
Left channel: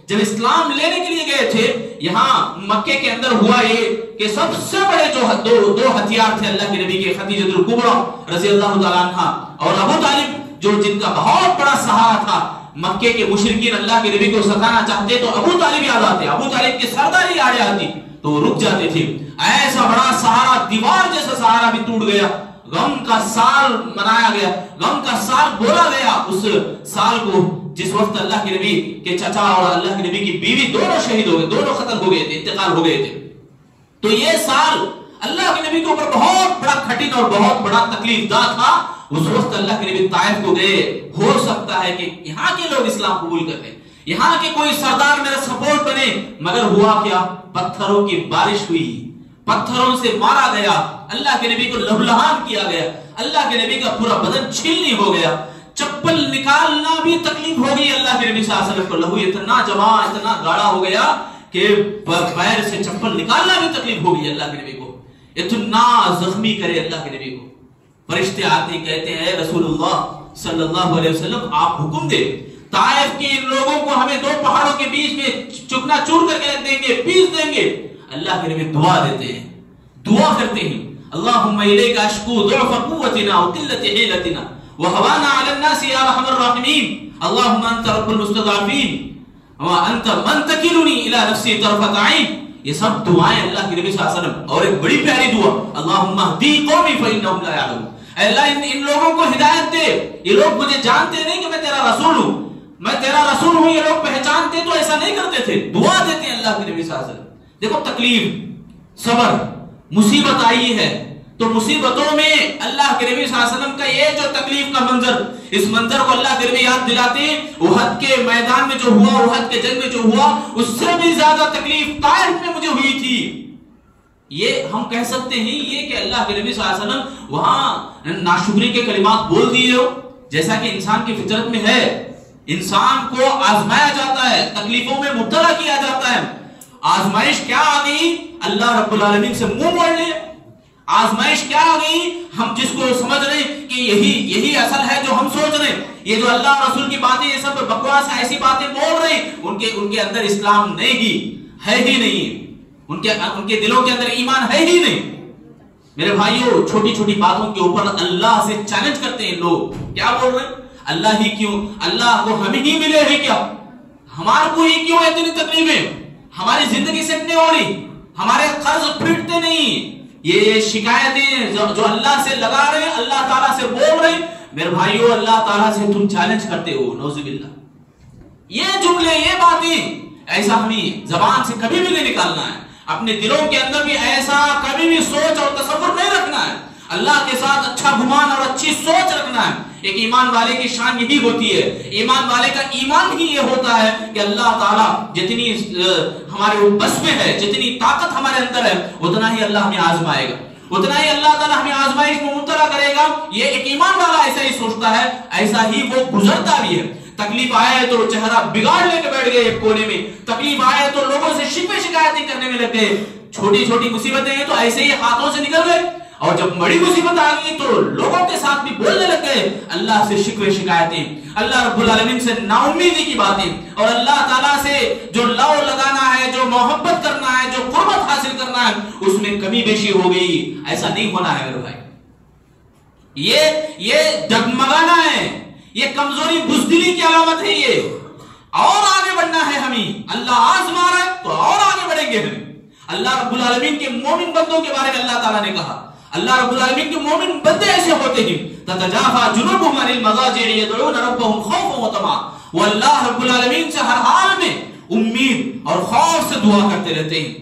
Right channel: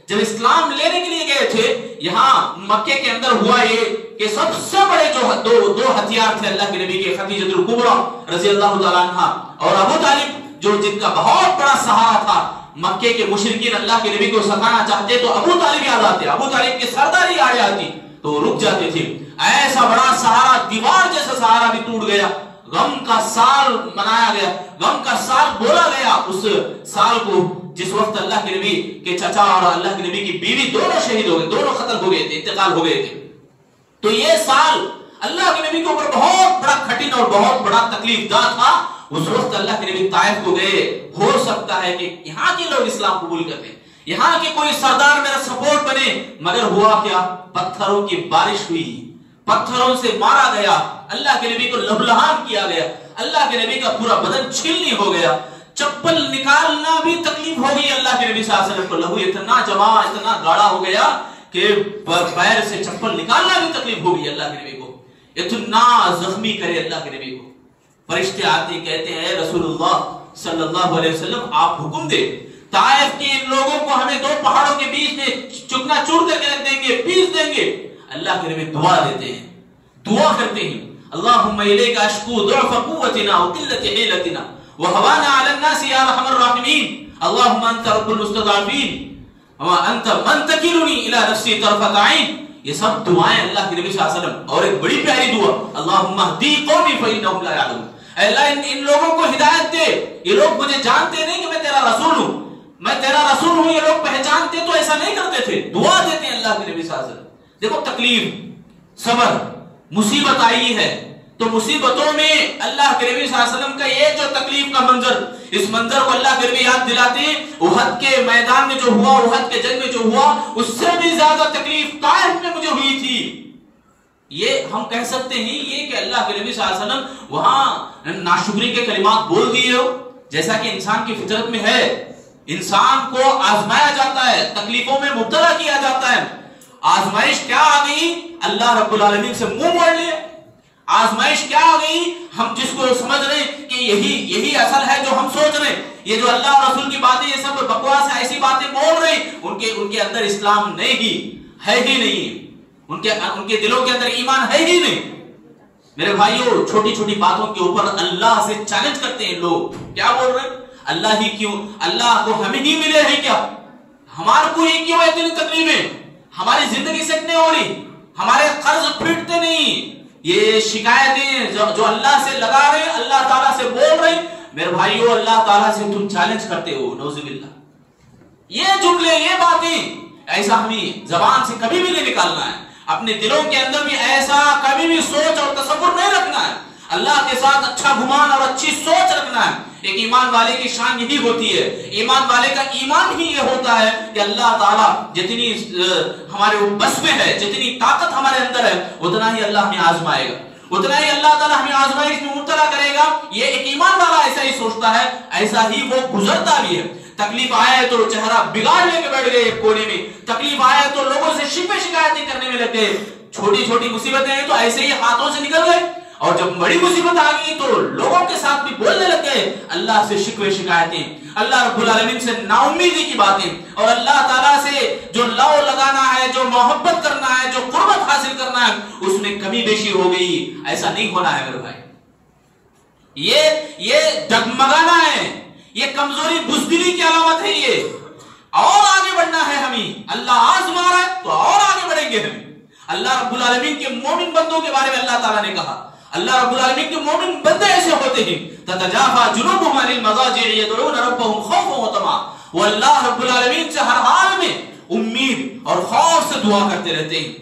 جب اسلام لینے کے لیے گئے تھے، یہاں مکے کے اندر ہوا یہ کہ سب سے بڑے جو دو ہتھیار تھے اللہ کے نبی کے، خدیجہ الکبریٰ رضی اللہ تعالیٰ عنہ اور ابو طالب جو جن کا بہت بڑا سہارا تھا، مکے کے مشرکین اللہ کے نبی کو ستانا چاہتے تو ابو طالب یاد آتے، ابو طالب کی سرداری آ جاتی تو وہ رک جاتے تھے۔ ایسا بڑا سہارا، دیوار جیسا سہارا بھی ٹوٹ گیا، غم کا سال منایا گیا، غم کا سال بولا گیا اس سال کو جس وقت اللہ کے نبی کے چچا اور اللہ کے نبی کی بیوی دونوں شہید ہو گئے، دونوں قتل ہو گئے تھے، انتقال ہو گئے تھے۔ تو یہ سال اللہ کے نبی کے اوپر بہت بڑا کٹھن اور بہت بڑا تکلیف دہ تھا۔ اس وقت اللہ کے نبی طائف کو گئے، ہو سکتا ہے کہ یہاں کے لوگ اسلام قبول کرتے، یہاں کے کوئی سردار میرا سپورٹ بنے، مگر ہوا کیا؟ پتھروں کی بارش ہوئی، پتھروں سے مارا گیا، اللہ کے نبی کو لہولہان کیا گیا، اللہ کے نبی کا پورا بدن چھلنی ہو گیا، چپل نکالنا بھی تکلیف ہوگی اللہ کے نبی صلی اللہ علیہ وسلم کو، لہو اتنا جمع اتنا گاڑا ہو گیا کہ پیر سے چپل نکالنا بھی تکلیف ہوگی اللہ کے نبی کو، اتنا زخمی کرے اللہ کے نبی کو۔ فرشتے آتے کہتے ہیں رسول اللہ صلی اللہ علیہ وسلم آپ حکم دے، طائف کے ان لوگوں کو ہمیں دو پہاڑوں کے بیچ میں چکنا چور کر کے رکھ دیں گے، پیس دیں گے۔ اللہ کے نبی دعا دیتے ہیں، دعا کرتے ہیں، اللہم الیک اشکو ضعف قوتنا وقلت حیلتنا وهوانا على الناس یا ارحم الراحمین، اللہم انت رب المستضعفین وانت من تکلنی الی نفسی طرفۃ عین۔ یہ سب دعائیں اللہ کے نبی صلی اللہ علیہ وسلم، اور ایک بڑی پیاری دعا، اللہم اہدی قومی فانہم لا یعلمون، اے اللہ ان لوگوں کو ہدایت دے، یہ لوگ مجھے جانتے نہیں کہ میں تیرا رسول ہوں، میں تیرا رسول ہوں، یہ لوگ پہچانتے تو ایسا نہیں کرتے تھے۔ دعا دیتے ہیں اللہ کے نبی صلی اللہ علیہ وسلم۔ دیکھو تکلیف، صبر، مصیبت آئی ہے تو مصیبتوں میں اللہ کے نبی صلی اللہ علیہ وسلم کا یہ جو تکلیف کا منظر، اس منظر کو اللہ کے نبی یاد دلاتے ہیں، احد کے میدان میں جو ہوا، احد کے جنگ میں جو ہوا، اس سے بھی زیادہ تکلیف طائف میں مجھے ہوئی تھی۔ یہ ہم کہہ سکتے ہیں یہ کہ اللہ کے نبی صلی اللہ علیہ وسلم وہاں ناشکری کے کلمات بول دیے ہو، جیسا کہ انسان کی فطرت میں ہے، انسان کو آزمایا جاتا ہے، تکلیفوں میں مبتلا کیا جاتا ہے۔ آزمائش کیا آ گئی؟ اللہ رب العالمین سے منہ موڑ لے. آزمائش کیا آ گئی؟ ہم جس کو سمجھ رہے کہ یہی اصل ہے جو ہم سوچ رہے ہیں، یہ جو اللہ اور رسول کی باتیں یہ سب بکواس ایسی باتیں بول رہے ہیں، ان کے اندر اسلام نہیں ہے ہی نہیں، ان کے دلوں کے اندر ایمان ہے ہی نہیں. میرے بھائیوں، چھوٹی چھوٹی باتوں کے اوپر اللہ سے چیلنج کرتے ہیں لوگ. کیا بول رہے ہیں؟ اللہ ہی کیوں؟ اللہ کو ہمیں ہی ملے ہیں کیا؟ ہمارے کو ہی کیوں اتنی تکلیفیں؟ ہماری زندگی سے اتنے ہو رہی، ہمارے قرض پھٹتے نہیں. یہ شکایتیں جو اللہ سے لگا رہے ہیں، اللہ تعالیٰ سے بول رہے ہیں. میرے بھائیوں، اللہ تعالیٰ سے تم چیلنج کرتے ہو، نعوذ باللہ. یہ جملے، یہ باتیں ایسا ہمیں زبان سے کبھی بھی نہیں نکالنا ہے. اپنے دلوں کے اندر بھی ایسا کبھی بھی سوچ اور تصور نہیں رکھنا ہے. اللہ کے ساتھ اچھا گمان اور اچھی سوچ رکھنا ہے. ایک ایمان والے کی شان یہی ہوتی ہے. ایمان والے کا ایمان ہی یہ ہوتا ہے کہ اللہ تعالیٰ جتنی ہمارے بس میں ہے، جتنی طاقت ہمارے اندر ہے، اتنا ہی اللہ ہمیں آزمائے گا، اتنا ہی اللہ تعالیٰ ہمیں آزمائش میں مبتلا کرے گا. یہ ایک ایمان والا ایسا ہی سوچتا ہے، ایسا ہی وہ گزرتا بھی ہے. تکلیف آئے تو چہرہ بگاڑ لے کے بیٹھ گئے ایک کونے میں، تکلیف آئے تو لوگوں سے شکوے شکایتیں کرنے میں لگ گئے. چھوٹی چھوٹی مصیبتیں ہیں تو ایسے ہی ہاتھوں سے نکل گئے، اور جب بڑی مصیبت آ گئی تو لوگوں کے ساتھ بھی بولنے لگ گئے اللہ سے شکوے شکایتیں، اللہ رب العالمین سے نا امیدی کی باتیں. اور اللہ تعالیٰ سے جو لو لگانا ہے، جو محبت کرنا ہے، جو قربت حاصل کرنا ہے، اس میں کمی بیشی ہو گئی. ایسا نہیں ہونا ہے میرے بھائی. یہ ڈگمگانا ہے، یہ کمزوری بزدلی کی علامت ہے. یہ اور آگے بڑھنا ہے ہمیں. اللہ آزما رہا ہے تو اور آگے بڑھیں گے ہم. اللہ رب العالمین کے مومن بندوں کے بارے میں اللہ تعالیٰ نے کہا، اللہ رب العالمین کے مومن بندے ایسے ہوتے ہیں تتجافا جنوبهم عن المضاجع يدعون ربهم خوفا وطمعا. وہ اللہ رب العالمین سے ہر حال میں امید اور خوف سے دعا کرتے رہتے ہیں.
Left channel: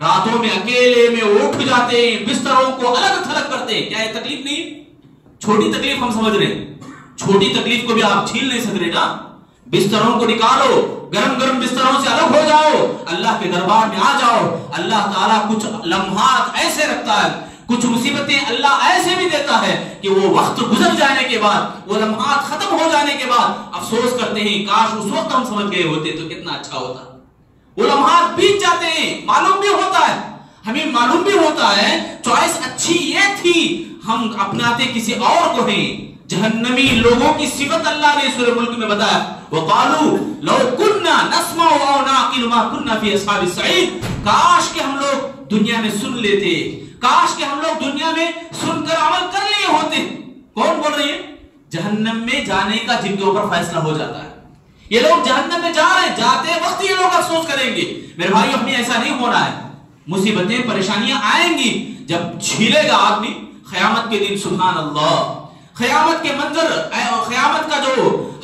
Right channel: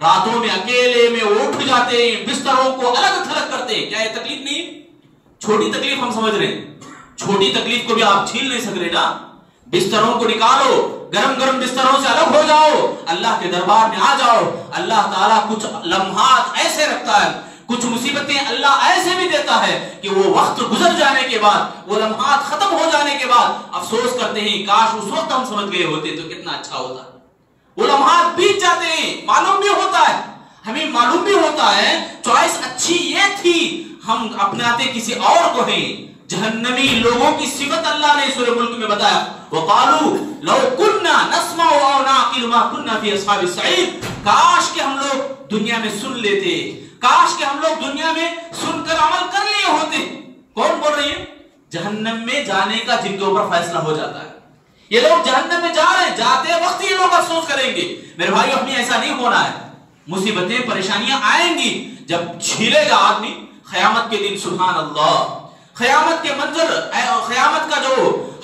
راتوں میں اکیلے میں اٹھ جاتے ہیں، بستروں کو الگ تھلگ کرتے ہیں. کیا یہ تکلیف نہیں؟ چھوٹی تکلیف ہم سمجھ رہے ہیں، چھوٹی تکلیف کو بھی آپ چھین نہیں سک رہے نا. بستروں کو نکالو، گرم گرم بستروں سے الگ ہو جاؤ، اللہ کے دربار میں آ جاؤ. اللہ تعالیٰ کچھ لمحات ایسے رکھتا ہے، کچھ مصیبتیں اللہ ایسے بھی دیتا ہے کہ وہ وقت گزر جانے کے بعد، وہ لمحات ختم ہو جانے کے بعد افسوس کرتے ہیں کاش اس وقت ہم سمجھ گئے ہوتے تو کتنا اچھا ہوتا. وہ لمحات بیت جاتے ہیں، معلوم بھی ہوتا ہے، ہمیں معلوم بھی ہوتا ہے چوائس اچھی یہ تھی، ہم اپناتے کسی اور کو ہیں. جہنمی لوگوں کی صفت اللہ نے سورہ ملک میں بتایا، وقالوا لو كنا نسمع او نعقل ما كنا في اصحاب السعير. کاش کہ ہم لوگ دنیا میں سن لیتے، کاش کہ ہم لوگ دنیا میں سن کر عمل کر لیے ہوتے. کون بول رہی ہے؟ جہنم میں جانے کا جن کے اوپر فیصلہ ہو جاتا ہے. یہ لوگ جہنم میں جا رہے ہیں، جاتے وقت یہ لوگ افسوس کریں گے. میرے بھائی ہمیں ایسا نہیں ہونا ہے. مصیبتیں پریشانیاں آئیں گی، جب چھیلے گا آدمی قیامت کے دن. سبحان اللہ، قیامت کے منظر، قیامت کا جو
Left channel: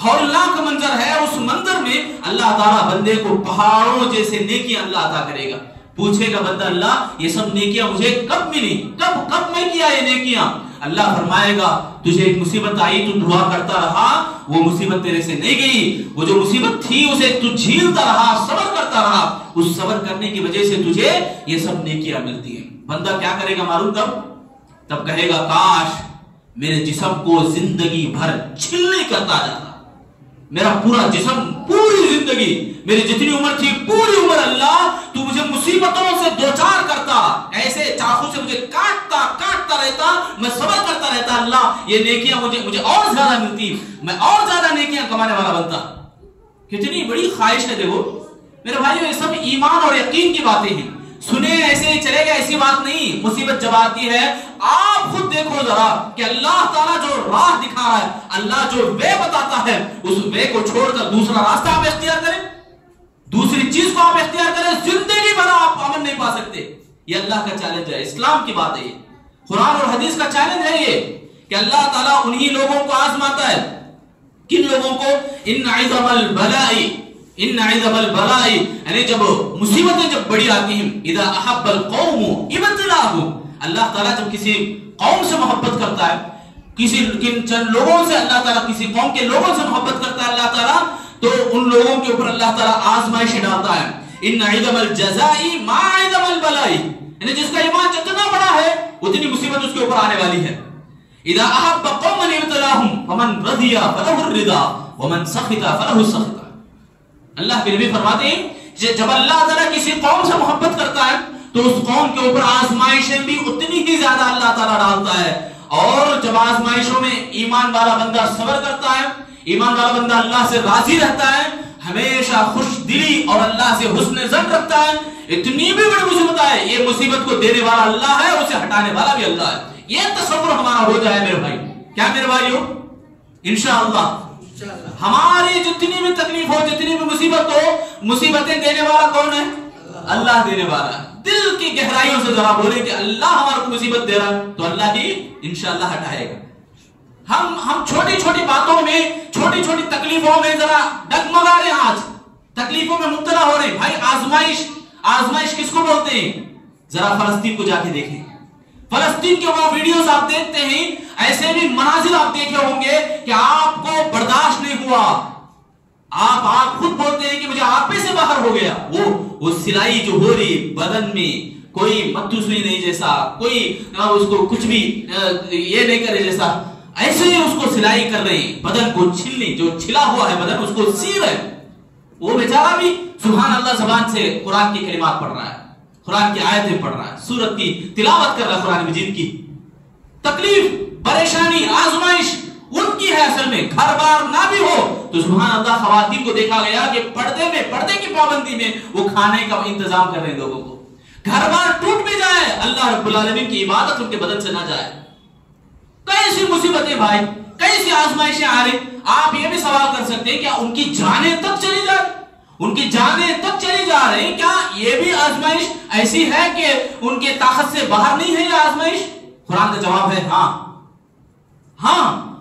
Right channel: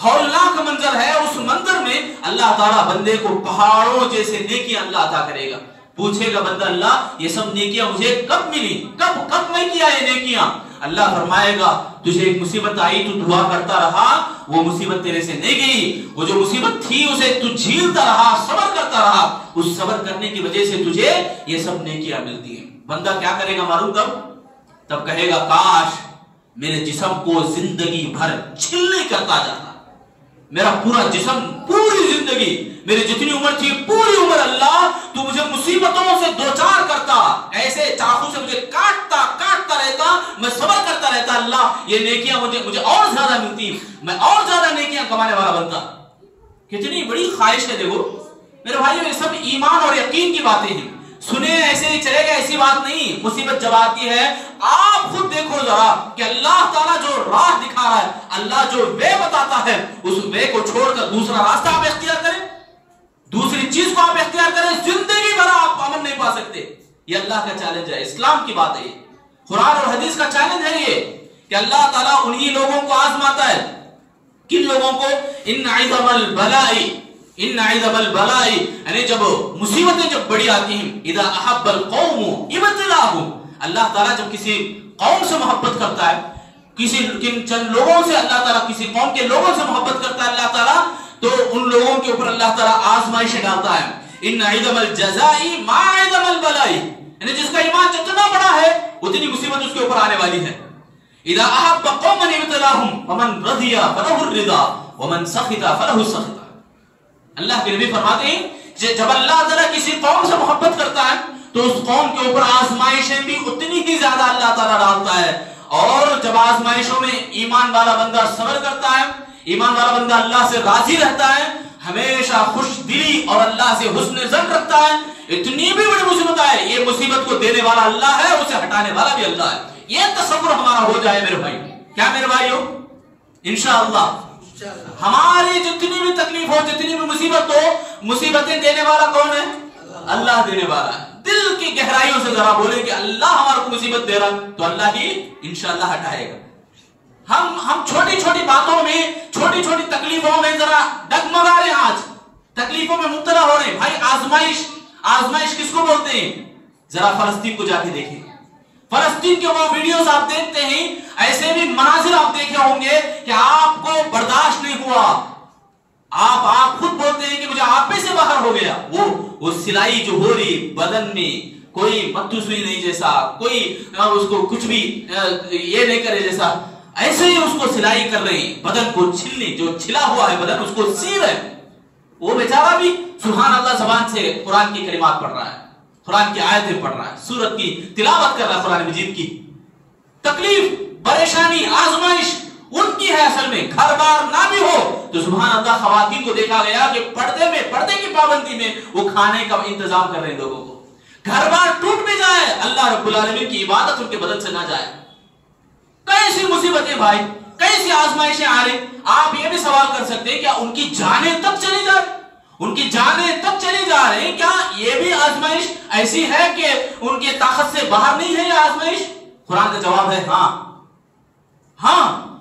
ہولناک منظر ہے، اس منظر میں اللہ تعالیٰ بندے کو پہاڑوں جیسے نیکیاں اللہ عطا کرے گا. پوچھے گا بندہ، اللہ یہ سب نیکیاں مجھے کب ملی، کب میں کیا یہ نیکیاں؟ اللہ فرمائے گا تجھے ایک مصیبت آئی تو دعا کرتا رہا، وہ مصیبت تیرے سے نہیں گئی. وہ جو مصیبت تھی اسے تو جھیلتا رہا، صبر کرتا رہا، اس صبر کرنے کی وجہ سے تجھے یہ سب نیکیاں ملتی ہیں. بندہ کیا کرے گا معلوم؟ تب کہے گا کاش میرے جسم کو زندگی بھر چھلنی کرتا جاتا، میرا پورا جسم، پوری زندگی، میری جتنی عمر تھی پوری عمر اللہ تو مجھے مصیبتوں سے دوچار کرتا، ایسے چاقو سے مجھے کاٹتا رہتا، میں صبر کرتا رہتا. اللہ یہ نیکیاں مجھے اور زیادہ ملتی، میں اور زیادہ نیکیاں کمانے والا بنتا. کتنی بڑی خواہش ہے. دیکھو میرے بھائیو، یہ سب ایمان اور یقین کی باتیں ہیں. سنے ایسے ہی چلے گا ایسی بات نہیں. مصیبت جب آتی ہے آپ خود دیکھو ذرا کہ اللہ تعالیٰ جو راہ دکھا رہا ہے، اللہ جو وے بتاتا ہے، اس وے کو چھوڑ کر دوسرا راستہ آپ اختیار کریں، دوسری چیز کو آپ اختیار کریں، زندگی بھر آپ امن نہیں پا سکتے. یہ اللہ کا چیلنج ہے، اسلام کی بات ہے، یہ قرآن اور حدیث کا چیلنج ہے یہ کہ اللہ تعالیٰ انہی لوگوں کو آزماتا ہے. کن لوگوں کو؟ ان عظم البلاء، یعنی جب مصیبتیں جب بڑی آتی ہیں، اذا احب القوم ابتلاهم، اللہ تعالیٰ جب کسی قوم سے محبت کرتا ہے، چند لوگوں سے اللہ تعالیٰ کسی قوم کے لوگوں سے محبت کرتا ہے اللہ تعالیٰ، تو ان لوگوں کے اوپر اللہ تعالیٰ آزمائشیں ڈالتا ہے. ان عظم الجزاء ما عظم البلاء، یعنی جس کا ایمان جتنا بڑا ہے اتنی مصیبت اس کے اوپر آنے والی ہے. اذا احب قوما ابتلاهم فمن رضي فله الرضا ومن سخط فله السخط. اللہ کے نبی فرماتے ہیں جب اللہ تعالیٰ کسی قوم سے محبت کرتا ہے تو اس قوم کے اوپر آزمائشیں بھی اتنی ہی زیادہ اللہ تعالیٰ ڈالتا ہے. اور جب آزمائشوں میں ایمان والا بندہ صبر کرتا ہے، ایمان والا بندہ اللہ سے راضی رہتا ہے، ہمیشہ خوش دلی اور اللہ سے حسن ظن رکھتا ہے، اتنی بھی بڑی مصیبت ہے، یہ مصیبت کو دینے والا اللہ ہے، اسے ہٹانے والا بھی اللہ ہے. یہ تصور ہمارا ہو جائے میرے بھائی. کیا میرے بھائی ہو؟ انشاءاللہ ہماری جتنی بھی تکلیف ہو، جتنی بھی مصیبت ہو، مصیبتیں دینے والا کون ہے؟ اللہ دینے والا ہے. دل کی گہرائیوں سے ذرا بولے کہ اللہ ہمارے کو مصیبت دے رہا تو اللہ ہی انشاءاللہ ہٹائے گا. ہم چھوٹی چھوٹی باتوں میں، چھوٹی چھوٹی تکلیفوں میں ذرا ڈگمگا رہے ہیں، آج تکلیفوں میں مبتلا ہو رہے ہیں. بھائی آزمائش کس کو بولتے ہیں؟ ذرا فلسطین کو جا کے دیکھیں. فلسطین کے وہ ویڈیوز آپ دیکھتے ہیں، ایسے بھی مناظر آپ دیکھے ہوں گے کہ آپ کو برداشت نہیں ہوا. آپ خود بولتے ہیں کہ مجھے آپے سے باہر ہو گیا. وہ سلائی جو ہو رہی بدن میں، کوئی متو سوئی نہیں جیسا، کوئی اس کو کچھ بھی یہ نہیں کرے جیسا، ایسے ہی اس کو سلائی کر رہے ہیں. بدن کو چھلنے، جو چھلا ہوا ہے بدن اس کو سی رہے. وہ بیچارہ بھی سبحان اللہ زبان سے قرآن کی کلمات پڑھ رہا ہے، قرآن کی آیتیں پڑھ رہا ہے، سورت کی تلاوت کر رہا ہے قرآن مجید کی. تکلیف، پریشانی، آزمائش ان کی ہے. اصل میں گھر بار نہ بھی ہو تو سبحان اللہ خواتین کو دیکھا گیا کہ پردے کی پابندی میں وہ کھانے کا انتظام کر رہے ہیں لوگوں کو. گھر بار ٹوٹ بھی جائے، اللہ رب العالمین کی عبادت ان کے بدن سے نہ جائے. کیسی مصیبتیں بھائی، کیسی آزمائشیں آ رہی. آپ یہ بھی سوال کر سکتے ہیں کیا ان کی جانیں تک چلی جا رہی؟ ان کی جانیں تک چلی جا رہی، کیا یہ بھی آزمائش ایسی ہے کہ ان کی طاقت سے باہر نہیں ہے یہ آزمائش؟ قرآن کا جواب ہے ہاں.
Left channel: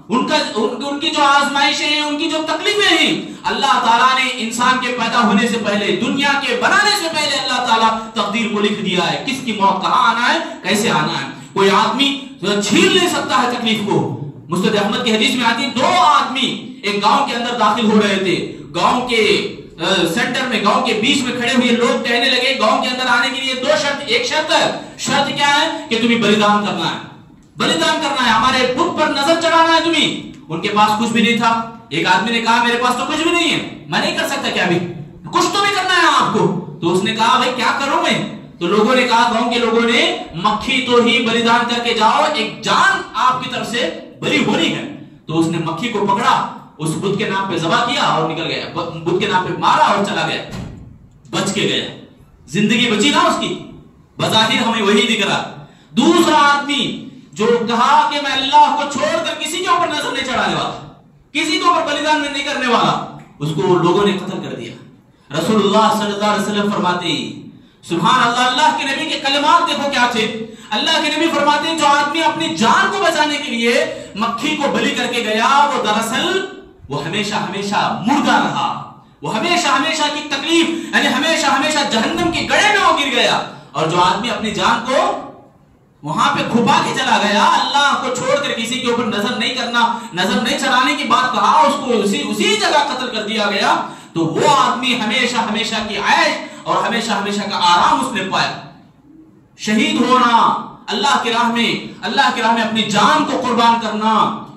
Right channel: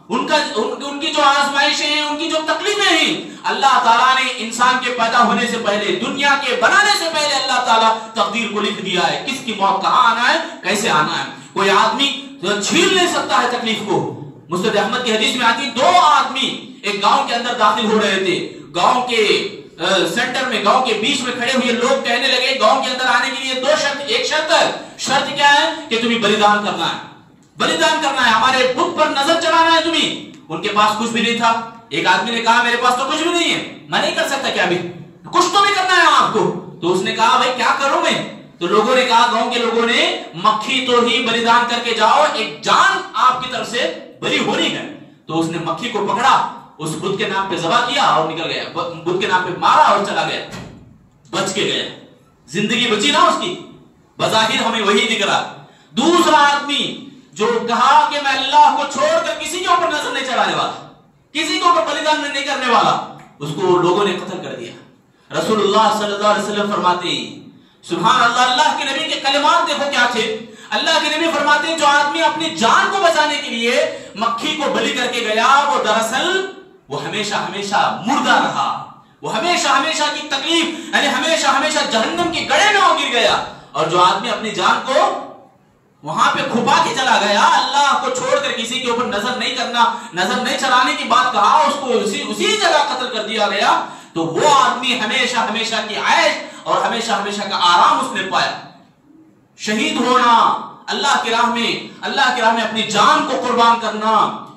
ان کی جو آزمائشیں ہیں، ان کی جو تکلیفیں ہیں، اللہ تعالیٰ نے انسان کے پیدا ہونے سے پہلے، دنیا کے بنانے سے پہلے اللہ تعالیٰ تقدیر کو لکھ دیا ہے، کس کی موت کہاں آنا ہے، کیسے آنا ہے. کوئی آدمی چھین نہیں سکتا ہے تکلیف کو. مسند احمد کی حدیث میں آتی، 2 آدمی ایک گاؤں کے اندر داخل ہو رہے تھے. گاؤں کے سینٹر میں، گاؤں کے بیچ میں کھڑے ہوئے لوگ کہنے لگے گاؤں کے اندر آنے کے لیے 2 شرط. ایک شرط کیا ہے کہ تمہیں بلیدان کرنا ہے، ہمارے بت پر نظر چڑھانا ہے تمہیں. ان کے پاس کچھ بھی نہیں تھا. ایک آدمی نے کہا میرے پاس تو کچھ بھی نہیں ہے، میں نہیں کر سکتا. کیا بھی کچھ تو بھی کرنا ہے آپ کو. تو اس نے کہا بھائی کیا کروں میں؟ تو لوگوں نے کہا، گاؤں کے لوگوں نے، مکھی تو ہی بلیدان کر کے جاؤ، ایک جان آپ کی طرف سے بلی ہونی ہے. تو اس نے مکھی کو پکڑا، اس بت کے نام پہ ذبح کیا اور نکل گیا. بت کے نام پہ مارا اور چلا گیا، بچ کے گیا. زندگی بچی نا اس کی، بظاہر ہمیں وہی دکھ رہا. دوسرا آدمی جو کہا کہ میں اللہ کو چھوڑ کر کسی کے اوپر نظر نہیں چڑھانے والا، کسی کے اوپر بلیدان نہیں کرنے والا، اس کو لوگوں نے قتل کر دیا. رسول اللہ صلی اللہ علیہ وسلم فرماتے ہیں، سبحان اللہ، اللہ کے نبی کے کلمات دیکھو کیا تھے. اللہ کے نبی فرماتے ہیں جو آدمی اپنی جان کو بچانے کے لیے مکھی کو بلی کر کے گیا، وہ دراصل وہ ہمیشہ ہمیشہ مردہ رہا. وہ ہمیشہ ہمیشہ کی تکلیف، یعنی ہمیشہ ہمیشہ جہنم کی گڑھے میں وہ گر گیا. اور جو آدمی اپنی جان کو وہاں پہ کھپا کے چلا گیا، اللہ کو چھوڑ کر کسی کے اوپر نظر نہیں کرنا، نظر نہیں چلانے کی بات کہا، اس کو اسی جگہ قتل کر دیا گیا. تو وہ آدمی ہمیشہ ہمیشہ کی عیش اور ہمیشہ ہمیشہ کا آرام اس نے پایا. شہید ہونا، اللہ کی راہ میں اپنی جان کو قربان کرنا،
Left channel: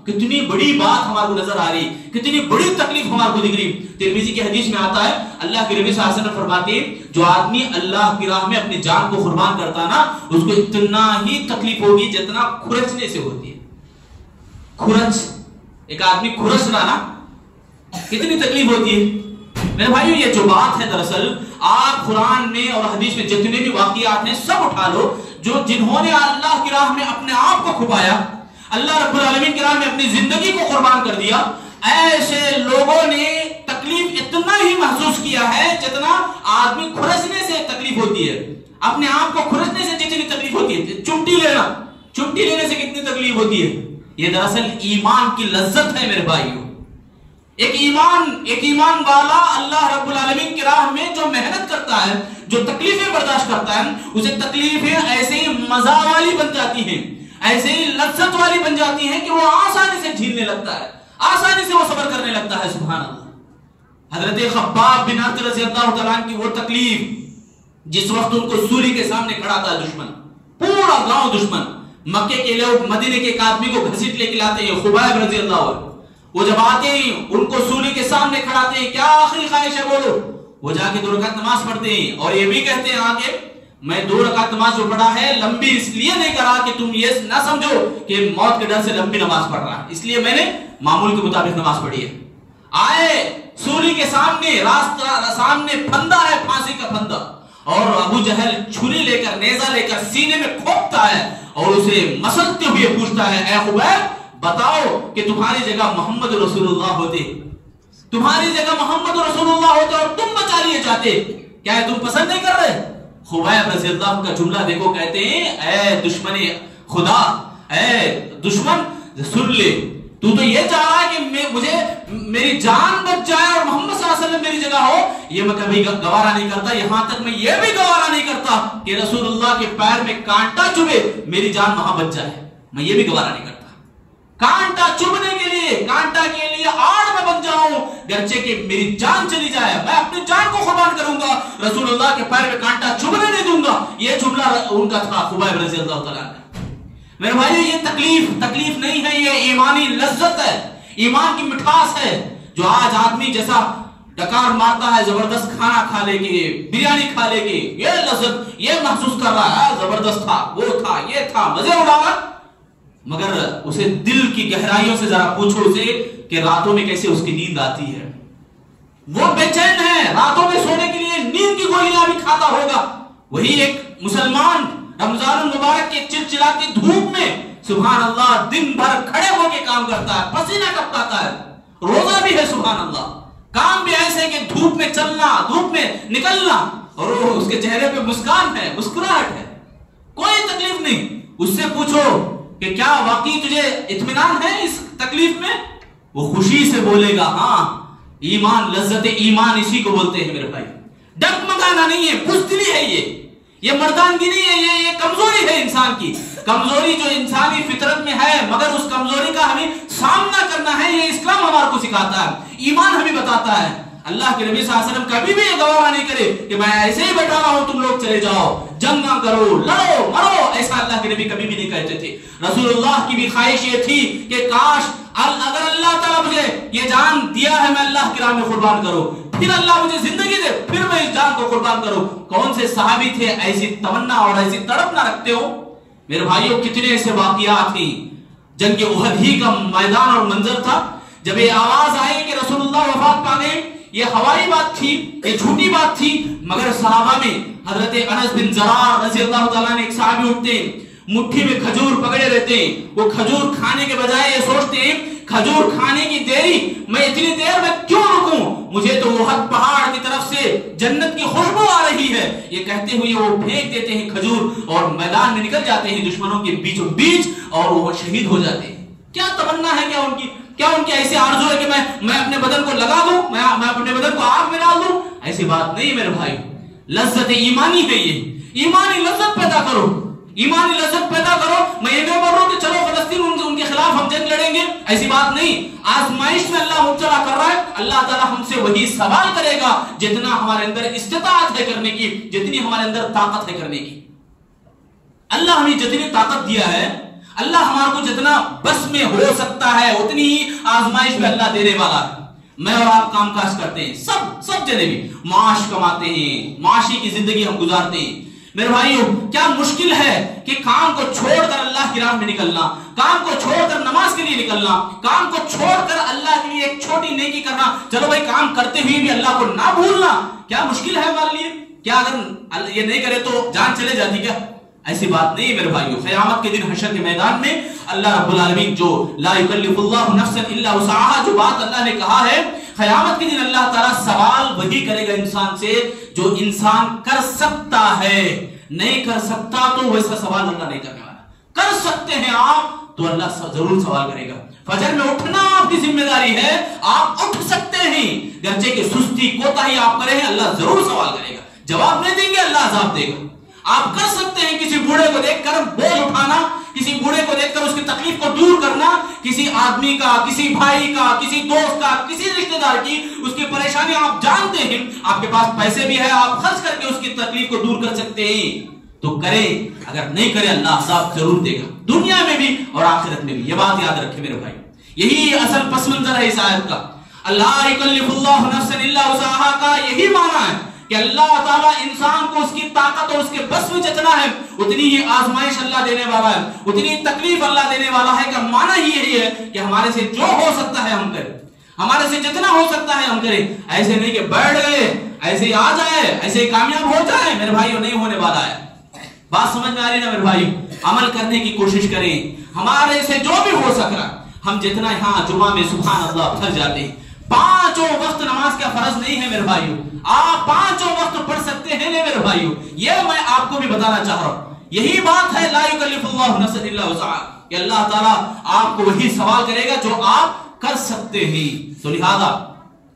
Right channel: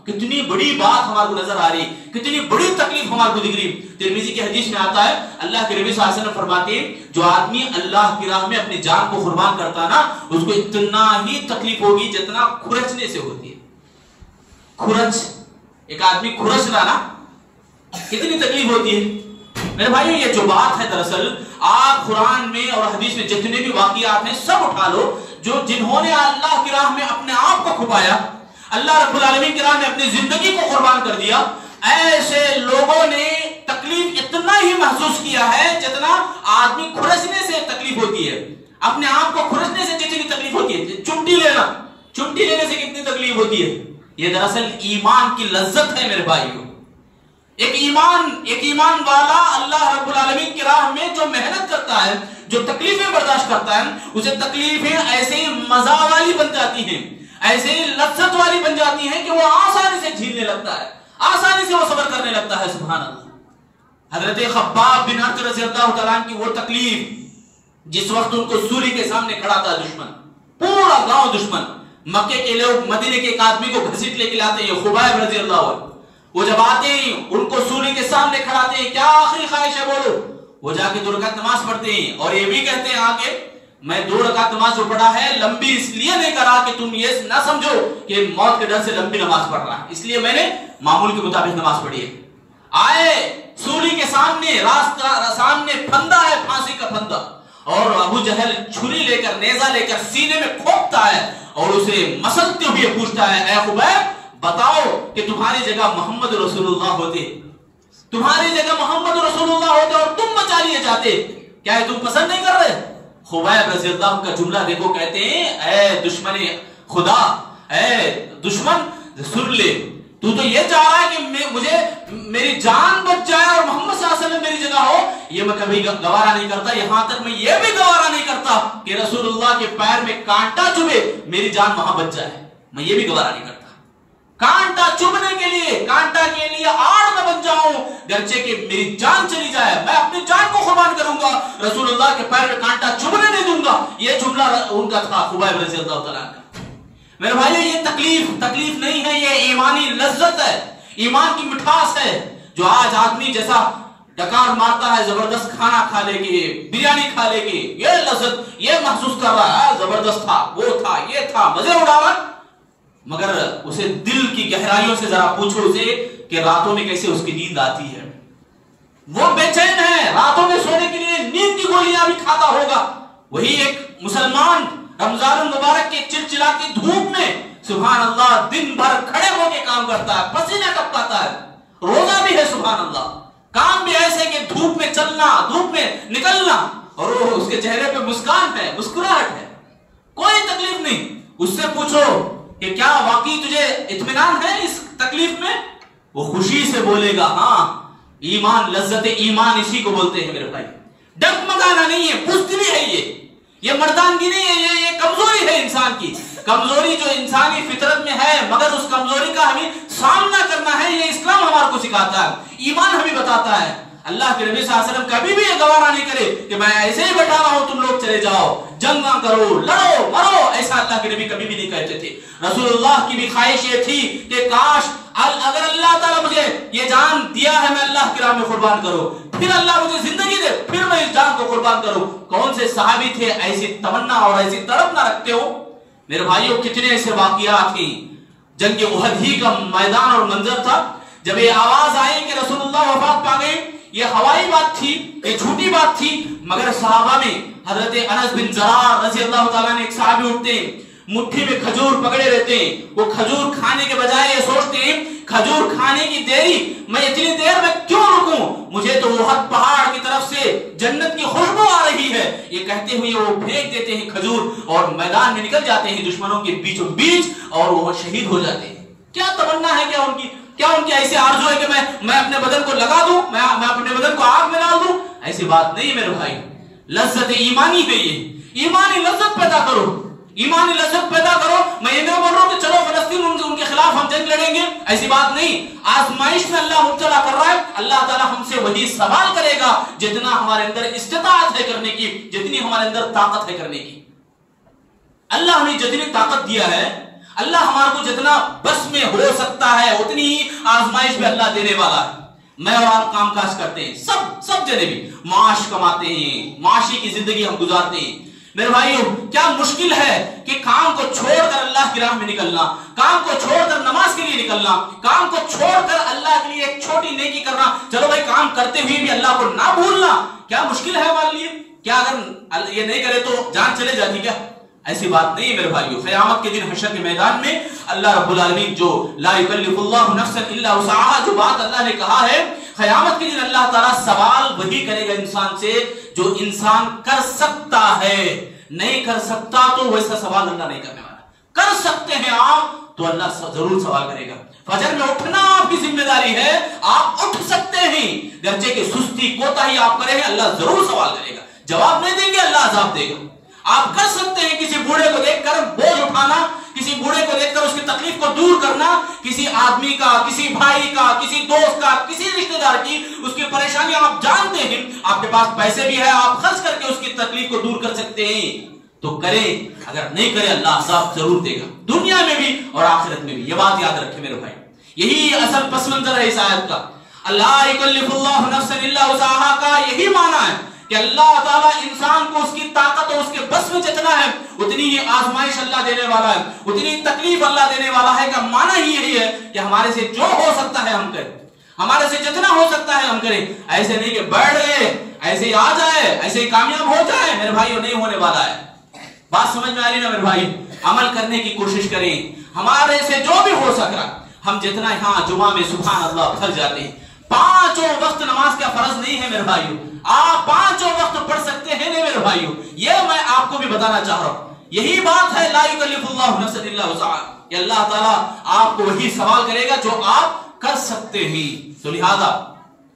کتنی بڑی بات ہمارے کو نظر آ رہی، کتنی بڑی تکلیف ہمارے کو دکھ رہی. ترمذی کی حدیث میں آتا ہے، اللہ کے نبی صلی اللہ علیہ وسلم فرماتے ہیں جو آدمی اللہ کی راہ میں اپنی جان کو قربان کرتا نا، اس کو اتنا ہی تکلیف ہوگی جتنا کھرچنے سے ہوتی ہے. کھرچ، ایک آدمی کھرچ رہا نا، کتنی تکلیف ہوتی ہے. میرے بھائیو یہ جو بات ہے، دراصل آپ قرآن میں اور حدیث میں جتنے بھی واقعات ہیں سب اٹھا لو، جنہوں نے اللہ کی راہ میں اپنے آپ کو کھپایا، اللہ رب العالمین کی راہ میں اپنی زندگی کو قربان کر دیا، ایسے لوگوں نے تکلیف اتنا ہی محسوس کیا ہے جتنا آدمی کھرچنے سے تکلیف ہوتی ہے. اپنے آپ کو کھرچنے سے جتنی تکلیف ہوتی ہے، چمٹی لینے سے کتنی تکلیف ہوتی ہے. یہ دراصل ایمان کی لذت ہے میرے بھائیو. ایک ایمان والا اللہ رب العالمین کی راہ میں جو محنت کرتا ہے، جو تکلیفیں برداشت کرتا ہے، اسے تکلیفیں ایسے ہی مزہ والی بن جاتی ہیں، ایسے ہی لذت والی بن جاتی ہیں کہ وہ آسانی سے جھیلنے لگتا ہے، آسانی سے وہ صبر کرنے لگتا ہے. سبحان اللہ. حضرت خباب بن ارت رضی اللہ تعالیٰ عنہ کی وہ تکلیف، جس وقت ان کو سولی کے سامنے کھڑا تھا دشمن، پورا گاؤں دشمن، مکے کے لوگ مدینے کے ایک آدمی کو گھسیٹ لے کے لاتے ہیں، خباب رضی اللہ عنہ. وہ جب آتے ہیں ان کو سولی کے سامنے کھڑاتے ہیں، کیا آخری خواہش ہے بولو. وہ جا کے 2 رکعت نماز پڑھتے ہیں اور یہ بھی کہتے ہیں آگے میں 2 رکعت نماز جو پڑھا ہے لمبی اس لیے نہیں کرا کہ تم یہ نہ سمجھو کہ موت کے ڈر سے لمبی نماز پڑھ رہا ہے، اس لیے میں نے معمول کے مطابق نماز پڑھی ہے۔ آئے سولی کے سامنے، راستہ سامنے پھندا ہے، پھانسی کا پھندا، اور ابو جہل چھری لے کر، نیزہ لے کر سینے میں کھوپتا ہے اور اسے مسلتے ہوئے پوچھتا ہے، اے خبیب بتاؤ کہ تمہاری جگہ محمد رسول اللہ ہوتے، تمہاری جگہ محمد رسول اللہ ہوتے اور تم بچا لیے جاتے، کیا ہے تم پسند نہیں کر رہے؟ خبیب رضی اللہ عنہ کا جملہ دیکھو، کہتے ہیں اے دشمن خدا، اے دشمن سن لے، تو یہ چاہ رہا ہے کہ مجھے میری جان بچ جائے اور محمد صلی اللہ علیہ وسلم میری جگہ ہو، یہ میں کبھی گوارا نہیں کرتا، یہاں تک میں یہ بھی گوارا نہیں کرتا کہ رسول اللہ کے پیر میں کانٹا چبھے میری جان وہاں بچ جائے، میں یہ بھی گوارا نہیں کرتا۔ کانٹا چبھنے کے لیے، کانٹا کے لیے آڑ میں بن جاؤں، گرچہ کہ میری جان چلی جائے، میں اپنی جان کو قربان کروں گا، رسول اللہ کے پیر میں کانٹا چبھنے نہیں دوں گا۔ یہ جملہ ان کا تھا، خبیب رضی اللہ تعالیٰ عنہ۔ میرے بھائیو، یہ تکلیف نہیں ہے، یہ ایمانی لذت ہے، ایمان کی مٹھاس ہے، جو آج آدمی جیسا ڈکار مارتا ہے زبردست کھانا کھا لے گی، بریانی کھا لے گی، یہ لذت یہ محسوس کر رہا ہے، زبردست تھا، وہ تھا، یہ تھا، مزے اڑاوا، مگر اسے دل کی گہرائیوں سے ذرا پوچھو اسے کہ راتوں میں کیسے اس کی نیند آتی ہے، وہ بے چین ہے، راتوں میں سونے کے لیے نیند کی گولیاں بھی کھاتا ہوگا۔ وہی ایک مسلمان رمضان المبارک کے چلچلاتی دھوپ میں سبحان اللہ دن بھر کھڑے ہو کے کام کرتا ہے، پسینہ ٹپکاتا ہے، روزہ بھی ہے سبحان اللہ، کام بھی ایسے کہ دھوپ میں چلنا، دھوپ میں نکلنا، اور اس کے چہرے پہ مسکان ہے، مسکراہٹ ہے، کوئی تکلیف نہیں۔ اس سے پوچھو کہ کیا واقعی تجھے اطمینان ہے اس تکلیف میں؟ وہ خوشی سے بولے گا ہاں، ایمان، لذت ایمان اسی کو بولتے ہیں میرے بھائی، ڈگمگانا نہیں ہے، بزدلی ہے، یہ مردانگی نہیں ہے، یہ کمزوری ہے انسان کی، کمزوری جو انسانی فطرت میں ہے، مگر اس کمزوری کا ہمیں سامنا کرنا ہے، یہ اسلام ہمارے کو سکھاتا ہے، ایمان ہمیں بتاتا ہے۔ اللہ کے نبی صلی اللہ علیہ وسلم کبھی بھی یہ گوارا نہیں کرے کہ میں ایسے ہی بیٹھا رہا ہوں، تم لوگ چلے جاؤ، جنگ نہ کرو، لڑو مرو، ایسا اللہ کے نبی کبھی بھی نہیں کہتے تھے۔ رسول اللہ کی بھی خواہش یہ تھی کہ کاش اگر اللہ تعالیٰ مجھے یہ جان دیا ہے، میں اللہ کی راہ میں قربان کروں، پھر اللہ مجھے زندگی دے، پھر میں اس جان کو قربان کروں۔ کون سے صحابی تھے ایسی تمنا اور ایسی تڑپ نہ رکھتے ہو؟ میرے بھائیوں، کتنے ایسے واقعات ہیں۔ جنگ احد ہی کا میدان اور منظر تھا، جب یہ آواز آئی کہ رسول اللہ وفات پا گئے، یہ ہوائی بات تھی، یہ جھوٹی بات تھی، مگر صحابہ میں حضرت انس بن زرار رضی اللہ تعالیٰ نے، ایک صحابی اٹھتے ہیں، مٹھی میں کھجور پکڑے رہتے ہیں، وہ کھجور کھانے کے بجائے یہ سوچتے ہیں کھجور کھانے کی دیری، میں اتنی دیر میں کیوں رکوں، مجھے تو احد پہاڑ کی طرف سے جنت کی خوشبو آ رہی ہے، یہ کہتے ہوئے وہ پھینک دیتے ہیں کھجور اور میدان میں نکل جاتے ہیں دشمنوں کے بیچوں بیچ، اور وہ شہید ہو جاتے ہیں۔ کیا تمنا ہے، کیا ان کی ایسی آرزو ہے کہ میں اپنے بدن کو لگا دوں، میں اپنے بدن کو آگ میں ڈال دوں؟ ایسی بات نہیں میرے بھائی، لذت ایمانی ہے، یہ ایمانی لذت پیدا کرو، ایمانی لذت پیدا کرو۔ میں یہ نہیں بول رہا ہوں کہ چلو فلسطین ان کے خلاف ہم جنگ لڑیں گے، ایسی بات نہیں۔ آزمائش میں اللہ مبتلا کر رہا ہے، اللہ تعالیٰ ہم سے وہی سوال کرے گا جتنا ہمارے اندر استطاعت ہے کرنے کی، جتنی ہمارے اندر طاقت ہے کرنے کی۔ اللہ ہمیں جتنی طاقت دیا ہے، اللہ ہمارے کو جتنا بس میں ہو سکتا ہے اتنی ہی آزمائش میں اللہ دینے والا ہے۔ میں اور آپ کام کاج کرتے ہیں، سب جنے بھی معاش کماتے ہیں، معاشی کی زندگی ہم گزارتے ہیں۔ میرے بھائیو، کیا مشکل ہے کہ کام کو چھوڑ کر اللہ کی راہ میں نکلنا، کام کو چھوڑ کر نماز کے لیے نکلنا، کام کو چھوڑ کر اللہ کے لیے ایک چھوٹی نیکی کرنا، چلو بھائی کام کرتے ہوئے بھی اللہ کو نہ بھولنا، کیا مشکل ہے ہمارے لیے؟ کیا اگر یہ نہیں کرے تو جان چلے جاتی کیا؟ ایسی بات نہیں میرے بھائیو۔ قیامت کے دن حشر کے میدان میں اللہ رب العالمین جو لا یکلف اللہ نفسا الا وسعها، جو بات اللہ نے کہا ہے، قیامت کے دن اللہ تعالیٰ سوال وہی کرے گا انسان سے جو انسان کر سکتا ہے، نہیں کر سکتا تو ویسا سوال اللہ نہیں کرنے والا۔ کر سکتے ہیں آپ تو اللہ ضرور سوال کرے گا۔ فجر میں اٹھنا آپ کی ذمہ داری ہے، آپ اٹھ سکتے ہیں، گرچہ کہ سستی کوتاہی آپ کرے ہیں، اللہ ضرور سوال کرے گا، جواب نہیں دیں گے، اللہ عذاب دے گا۔ آپ کر سکتے ہیں کسی بوڑھے کو دیکھ کر بوجھ اٹھانا، کسی بوڑھے کو دیکھ کر اس کی تکلیف کو دور کرنا، کسی آدمی کا، کسی بھائی کا، کسی دوست کا، کسی رشتہ دار کی اس کی پریشانی آپ جانتے ہیں، آپ کے پاس پیسے بھی ہے، آپ خرچ کر کے اس کی تکلیف کو دور کر سکتے ہیں تو کریں، اگر نہیں کرے اللہ عذاب ضرور دے گا، دنیا میں بھی اور آخرت میں بھی۔ یہ بات یاد رکھے میرے بھائی، یہی اصل پس منظر ہے اس آیت کا۔ اللہ یکلف اللہ نفسا الا وسعها کا یہی معنی ہے کہ اللہ تعالیٰ انسان کو اس کی طاقت اور اس کے بس میں جتنا ہے اتنی ہی آزمائش اللہ دینے والا ہے، اتنی تکلیف اللہ دینے والا ہے، کہ معنی ہی یہی ہے کہ ہمارے سے جو ہو سکتا ہے ہم کریں، ہمارے سے جتنا ہو سکتا ہے ہم کریں. ایسے نہیں کہ بیٹھ گئے ایسے ہی آ جائے ایسے ہی کامیاب ہو جائے، میرے بھائیوں نہیں ہونے والا ہے. بات سمجھ میں آ رہی نا میرے بھائی؟ عمل کرنے کی کوشش کریں، ہمارے سے جو بھی ہو سک رہا. ہم جتنا یہاں جمعہ میں سبحان اللہ پھر جاتے ہیں، 5 وقت نماز کیا فرض نہیں ہے میرے بھائیوں؟ آپ 5 وقت پڑھ سکتے ہیں نہیں میرے بھائیوں؟ یہ میں آپ کو بھی بتانا چاہ رہا ہوں. یہی بات ہے لا یکلف اللہ نفسا الا وسعها، کہ اللہ تعالیٰ آپ کو وہی سوال کرے گا جو آپ کر سکتے ہیں. تو لہذا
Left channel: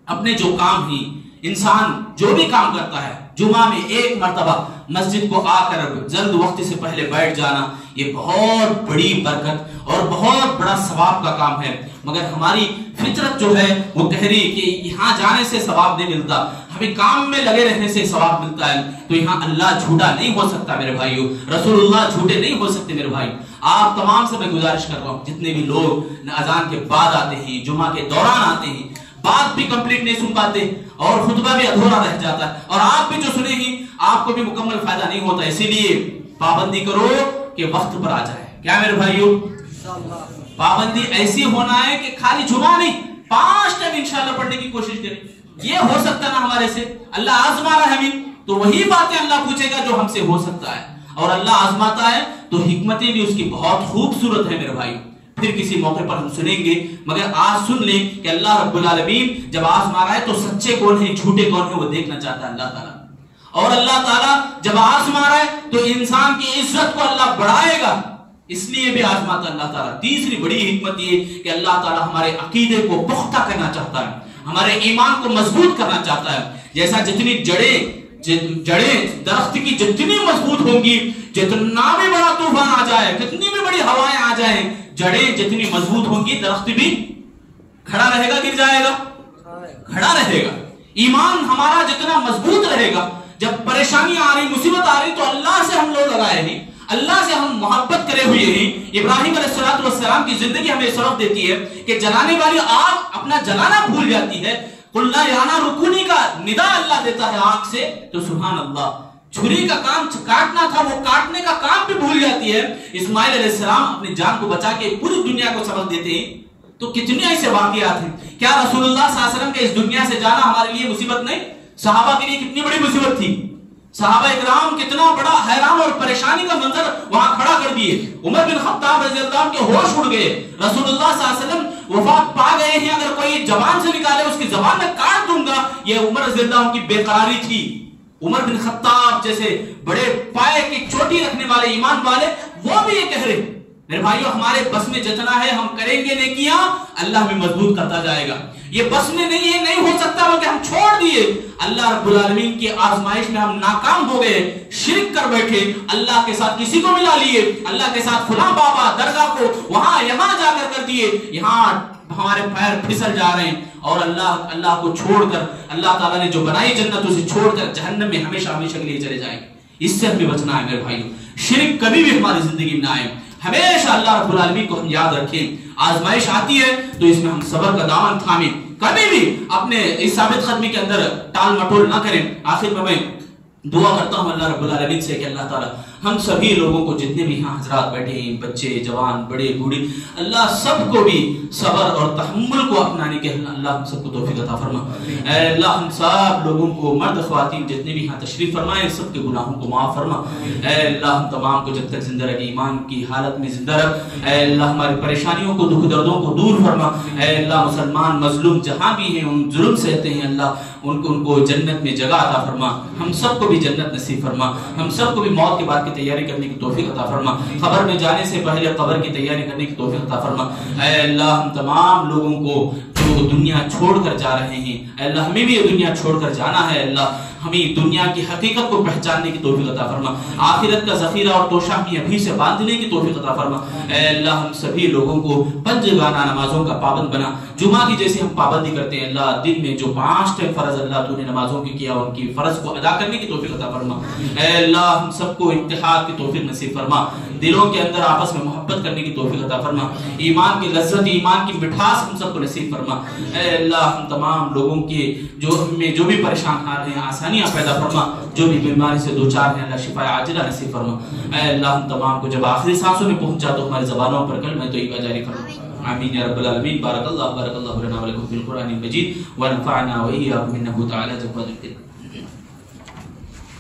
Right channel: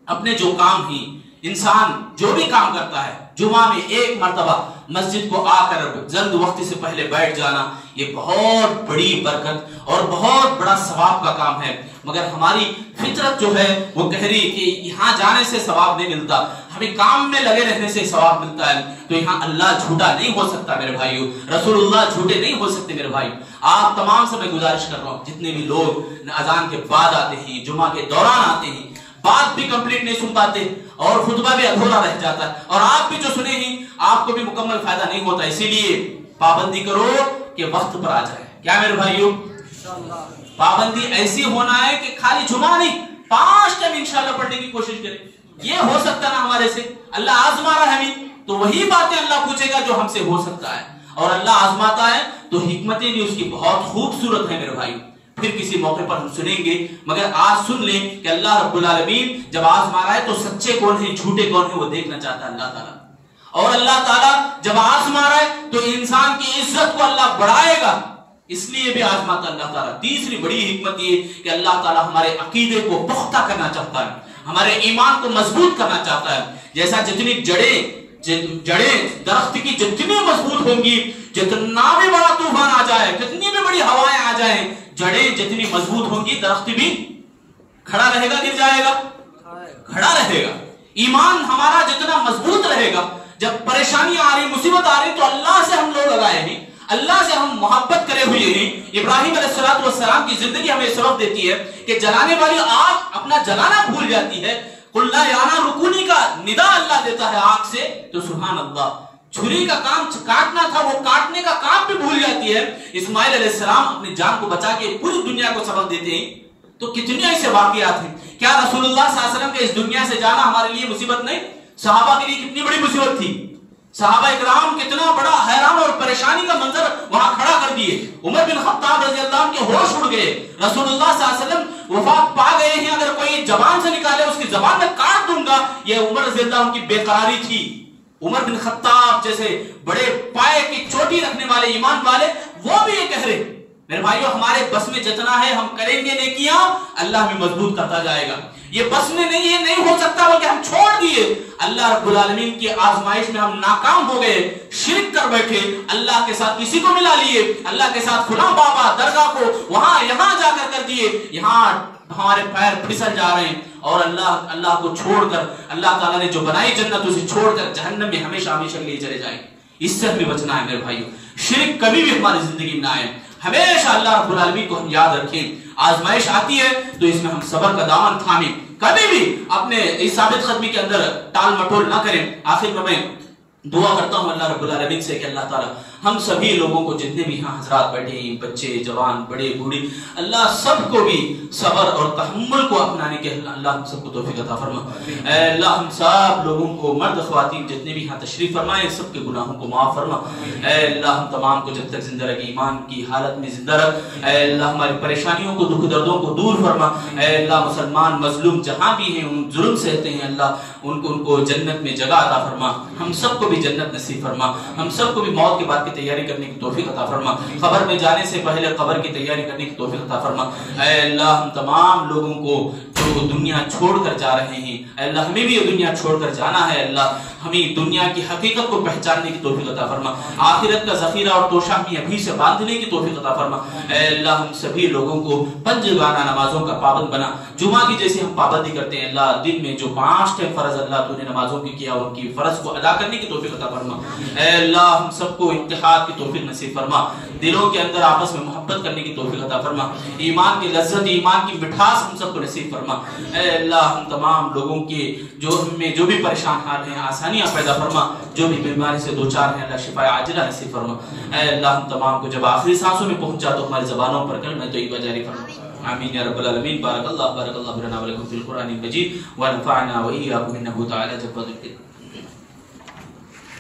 اپنے جو کام ہی انسان جو بھی کام کرتا ہے، جمعہ میں 1 مرتبہ مسجد کو آ کر جلد وقت سے پہلے بیٹھ جانا، یہ بہت بڑی برکت اور بہت بڑا ثواب کا کام ہے. مگر ہماری فطرت جو ہے وہ کہہ رہی کہ یہاں جانے سے ثواب نہیں ملتا، ہمیں کام میں لگے رہنے سے ثواب ملتا ہے. تو یہاں اللہ جھوٹا نہیں ہو سکتا میرے بھائیوں، رسول اللہ جھوٹے نہیں ہو سکتے میرے بھائی. آپ تمام سے میں گزارش کر رہا ہوں، جتنے بھی لوگ اذان کے بعد آتے ہیں، جمعہ کے دوران آتے ہیں، بات بھی کمپلیٹ نہیں سن پاتے اور خطبہ بھی ادھورا رہ جاتا ہے، اور آپ بھی جو سنے ہی آپ کو بھی مکمل فائدہ نہیں ہوتا. اسی لیے پابندی کرو کہ وقت پر آ جائے. کیا میرے بھائیوں؟ پابندی ایسی ہونا ہے کہ خالی جمعہ نہیں، 5 ٹائم انشاءاللہ پڑھنے کی کوشش کریں. یہ ہو سکتا نا ہمارے سے؟ اللہ آزما رہا ہے ہمیں، تو وہی باتیں اللہ پوچھے گا جو ہم سے ہو سکتا ہے. اور اللہ آزماتا ہے تو حکمتیں بھی اس کی بہت خوبصورت ہیں میرے بھائی. پھر کسی موقع پر ہم سنیں گے، مگر آج سن لیں کہ اللہ رب العالمین جب آزما رہا ہے تو سچے کون ہیں جھوٹے کون ہیں وہ دیکھنا چاہتا ہے اللہ تعالیٰ. اور اللہ تعالیٰ جب آزما رہا ہے تو انسان کی عزت کو اللہ بڑھائے گا، اس لیے بھی آزماتا اللہ تعالیٰ. تیسری بڑی حکمت یہ کہ اللہ تعالیٰ ہمارے عقیدے کو پختہ کرنا چاہتا ہے، ہمارے ایمان کو مضبوط کرنا چاہتا ہے. جیسا جتنی جڑیں درخت کی جتنی مضبوط ہوں گی، جتنا بھی بڑا طوفان آ جائے، جتنی بھی بڑی ہوائیں آ جائیں، جڑیں جتنی مضبوط ہوں گی درخت بھی کھڑا رہے گا، گر جائے گا؟ کھڑا رہے گا. ایمان ہمارا جتنا مضبوط رہے گا، جب پریشانی آ رہی مصیبت آ رہی تو اللہ سے ہم لوگ لگائے ہیں، اللہ سے ہم محبت کرے ہوئے ہیں. ابراہیم علیہ السلام کی زندگی ہمیں سبق دیتی ہے کہ جلانے والی آگ اپنا جلانا بھول جاتی ہے. قُلْنَا يَعْنَا رُكُونِي کا ندا اللہ دیتا ہے آگ سے، تو سبحان اللہ چھری کا کام کاٹنا تھا وہ کاٹنے کا کام بھی بھول جاتی ہے. اسماعیل علیہ السلام اپنی جان کو بچا کے پوری دنیا کو سبق دیتے ہیں. تو کتنے ایسے واقعات ہیں. کیا رسول اللہ صلی اللہ علیہ وسلم کے اس دنیا سے جانا ہمارے لیے مصیبت نہیں؟ صحابہ کے لیے کتنی بڑی مصیبت تھی. صحابہ اکرام کتنا بڑا حیران اور پریشانی کا منظر وہاں کھڑا کر دیے. عمر بن خطاب رضی اللہ عنہ کے ہوش اڑ گئے. رسول اللہ صلی اللہ علیہ وسلم وفات پا گئے ہیں، اگر کوئی زبان سے نکالے اس کی زبان میں کاٹ دوں گا. یہ عمر رضی اللہ عنہ کی بے قراری تھی. عمر بن خطاب جیسے بڑے پائے کی چوٹی رکھنے والے ایمان والے وہ بھی یہ کہہ رہے میرے بھائیو ہمارے بس میں جتنا ہے ہم کریں گے نیکیاں، اللہ ہمیں مضبوط کرتا جائے گا. یہ بس میں نہیں ہے، نہیں ہو سکتا بلکہ ہم چھوڑ دیے. اللہ رب العالمین کی آزمائش میں ہم ناکام ہو گئے، شرک کر بیٹھے، اللہ کے ساتھ کسی کو ملا لیے، اللہ کے ساتھ فلاں بابا درگاہ کو وہاں یہاں جا کر دیے. یہاں ہمارے پیر پھسل جا رہے ہیں اور اللہ کو چھوڑ کر، اللہ تعالیٰ نے جو بنائی جنت اسے چھوڑ کر جہنم میں ہمیشہ ہمیشہ کے لیے چلے جائیں. اس سے ہمیں بچنا ہے میرے بھائیو. شرک کبھی بھی ہماری زندگی میں نہ آئے. ہمیشہ اللہ رب العالمین کو ہم یاد رکھیں. آزمائش آتی ہے تو اس میں ہم صبر کا دامن تھامیں، کبھی بھی اپنے اس ثابت قدمی کے اندر ٹال مٹول نہ کریں. آخر میں دعا کرتا ہوں اللہ رب العالمین سے کہ اللہ تعالیٰ ہم سبھی لوگوں کو، جتنے بھی یہاں حضرات بیٹھے ہیں، بچے جوان بڑے بوڑھی، اللہ سب کو بھی صبر اور تحمل کو اپنانے کے اللہ ہم سب کو توفیق عطا فرما. اے اللہ ہم سب لوگوں کو، مرد خواتین جتنے بھی یہاں تشریف فرمائے، سب کے گناہوں کو معاف فرما. اے اللہ ہم تمام کو جب تک زندہ رکھ، ایمان کی حالت میں زندہ رکھ. اے اللہ ہماری پریشانیوں کو، دکھ دردوں کو دور فرما. اے اللہ مسلمان مظلوم جہاں بھی ہیں، ان ظلم سہتے ہیں، اللہ ان کو جنت میں جگہ عطا فرما. ہم سب کو بھی جنت نصیب فرما. ہم سب کو بھی موت کے بعد کی تیاری کرنے کی توفیق عطا فرما. قبر میں جانے سے پہلے قبر کی تیاری کرنے کی توفیق عطا فرما. اے اللہ ہم تمام لوگوں کو جو دنیا چھوڑ کر جا رہے ہیں، اے اللہ ہمیں بھی یہ دنیا چھوڑ کر جانا ہے. اللہ ہمیں دنیا کی حقیقت کو پہچاننے کی توفیق عطا فرما. آخرت کا ذخیرہ اور توشہ ہمیں ابھی سے باندھنے کی توفیق عطا فرما. اے اللہ ہم سبھی لوگوں کو پنجگانہ نمازوں کا پابند بنا. جمعہ کی جیسے ہم پابندی کرتے ہیں، اللہ دن میں جو 5 فرض اللہ تو نے نمازوں کی کیا، ان کی فرض کو ادا کرنے کی توفیق عطا فرما. اے اللہ ہم سب کو اتحاد کی توفیق نصیب فرما. دلوں کے اندر آپس میں محبت کرنے کی توفیق عطا فرما. ایمان کی لذت، ایمان کی مٹھاس ہم سب کو نصیب فرما. اے اللہ ہم تمام لوگوں کے جو بھی پریشان حال ہیں، آسان آسانیاں پیدا فرما، جو بھی بیماری سے دو چار ہیں اللہ شفا عاجلہ نصیب فرما۔ اے اللہ ہم تمام کو جب آخری سانسوں میں پہنچا تو ہماری زبانوں پر کلمہ طیبہ جاری فرما، آمین یا رب العالمین۔ بارک اللہ لنا ولکم فی القرآن المجید ونفعنا وإیاکم انہ تعالی جواد الکریم۔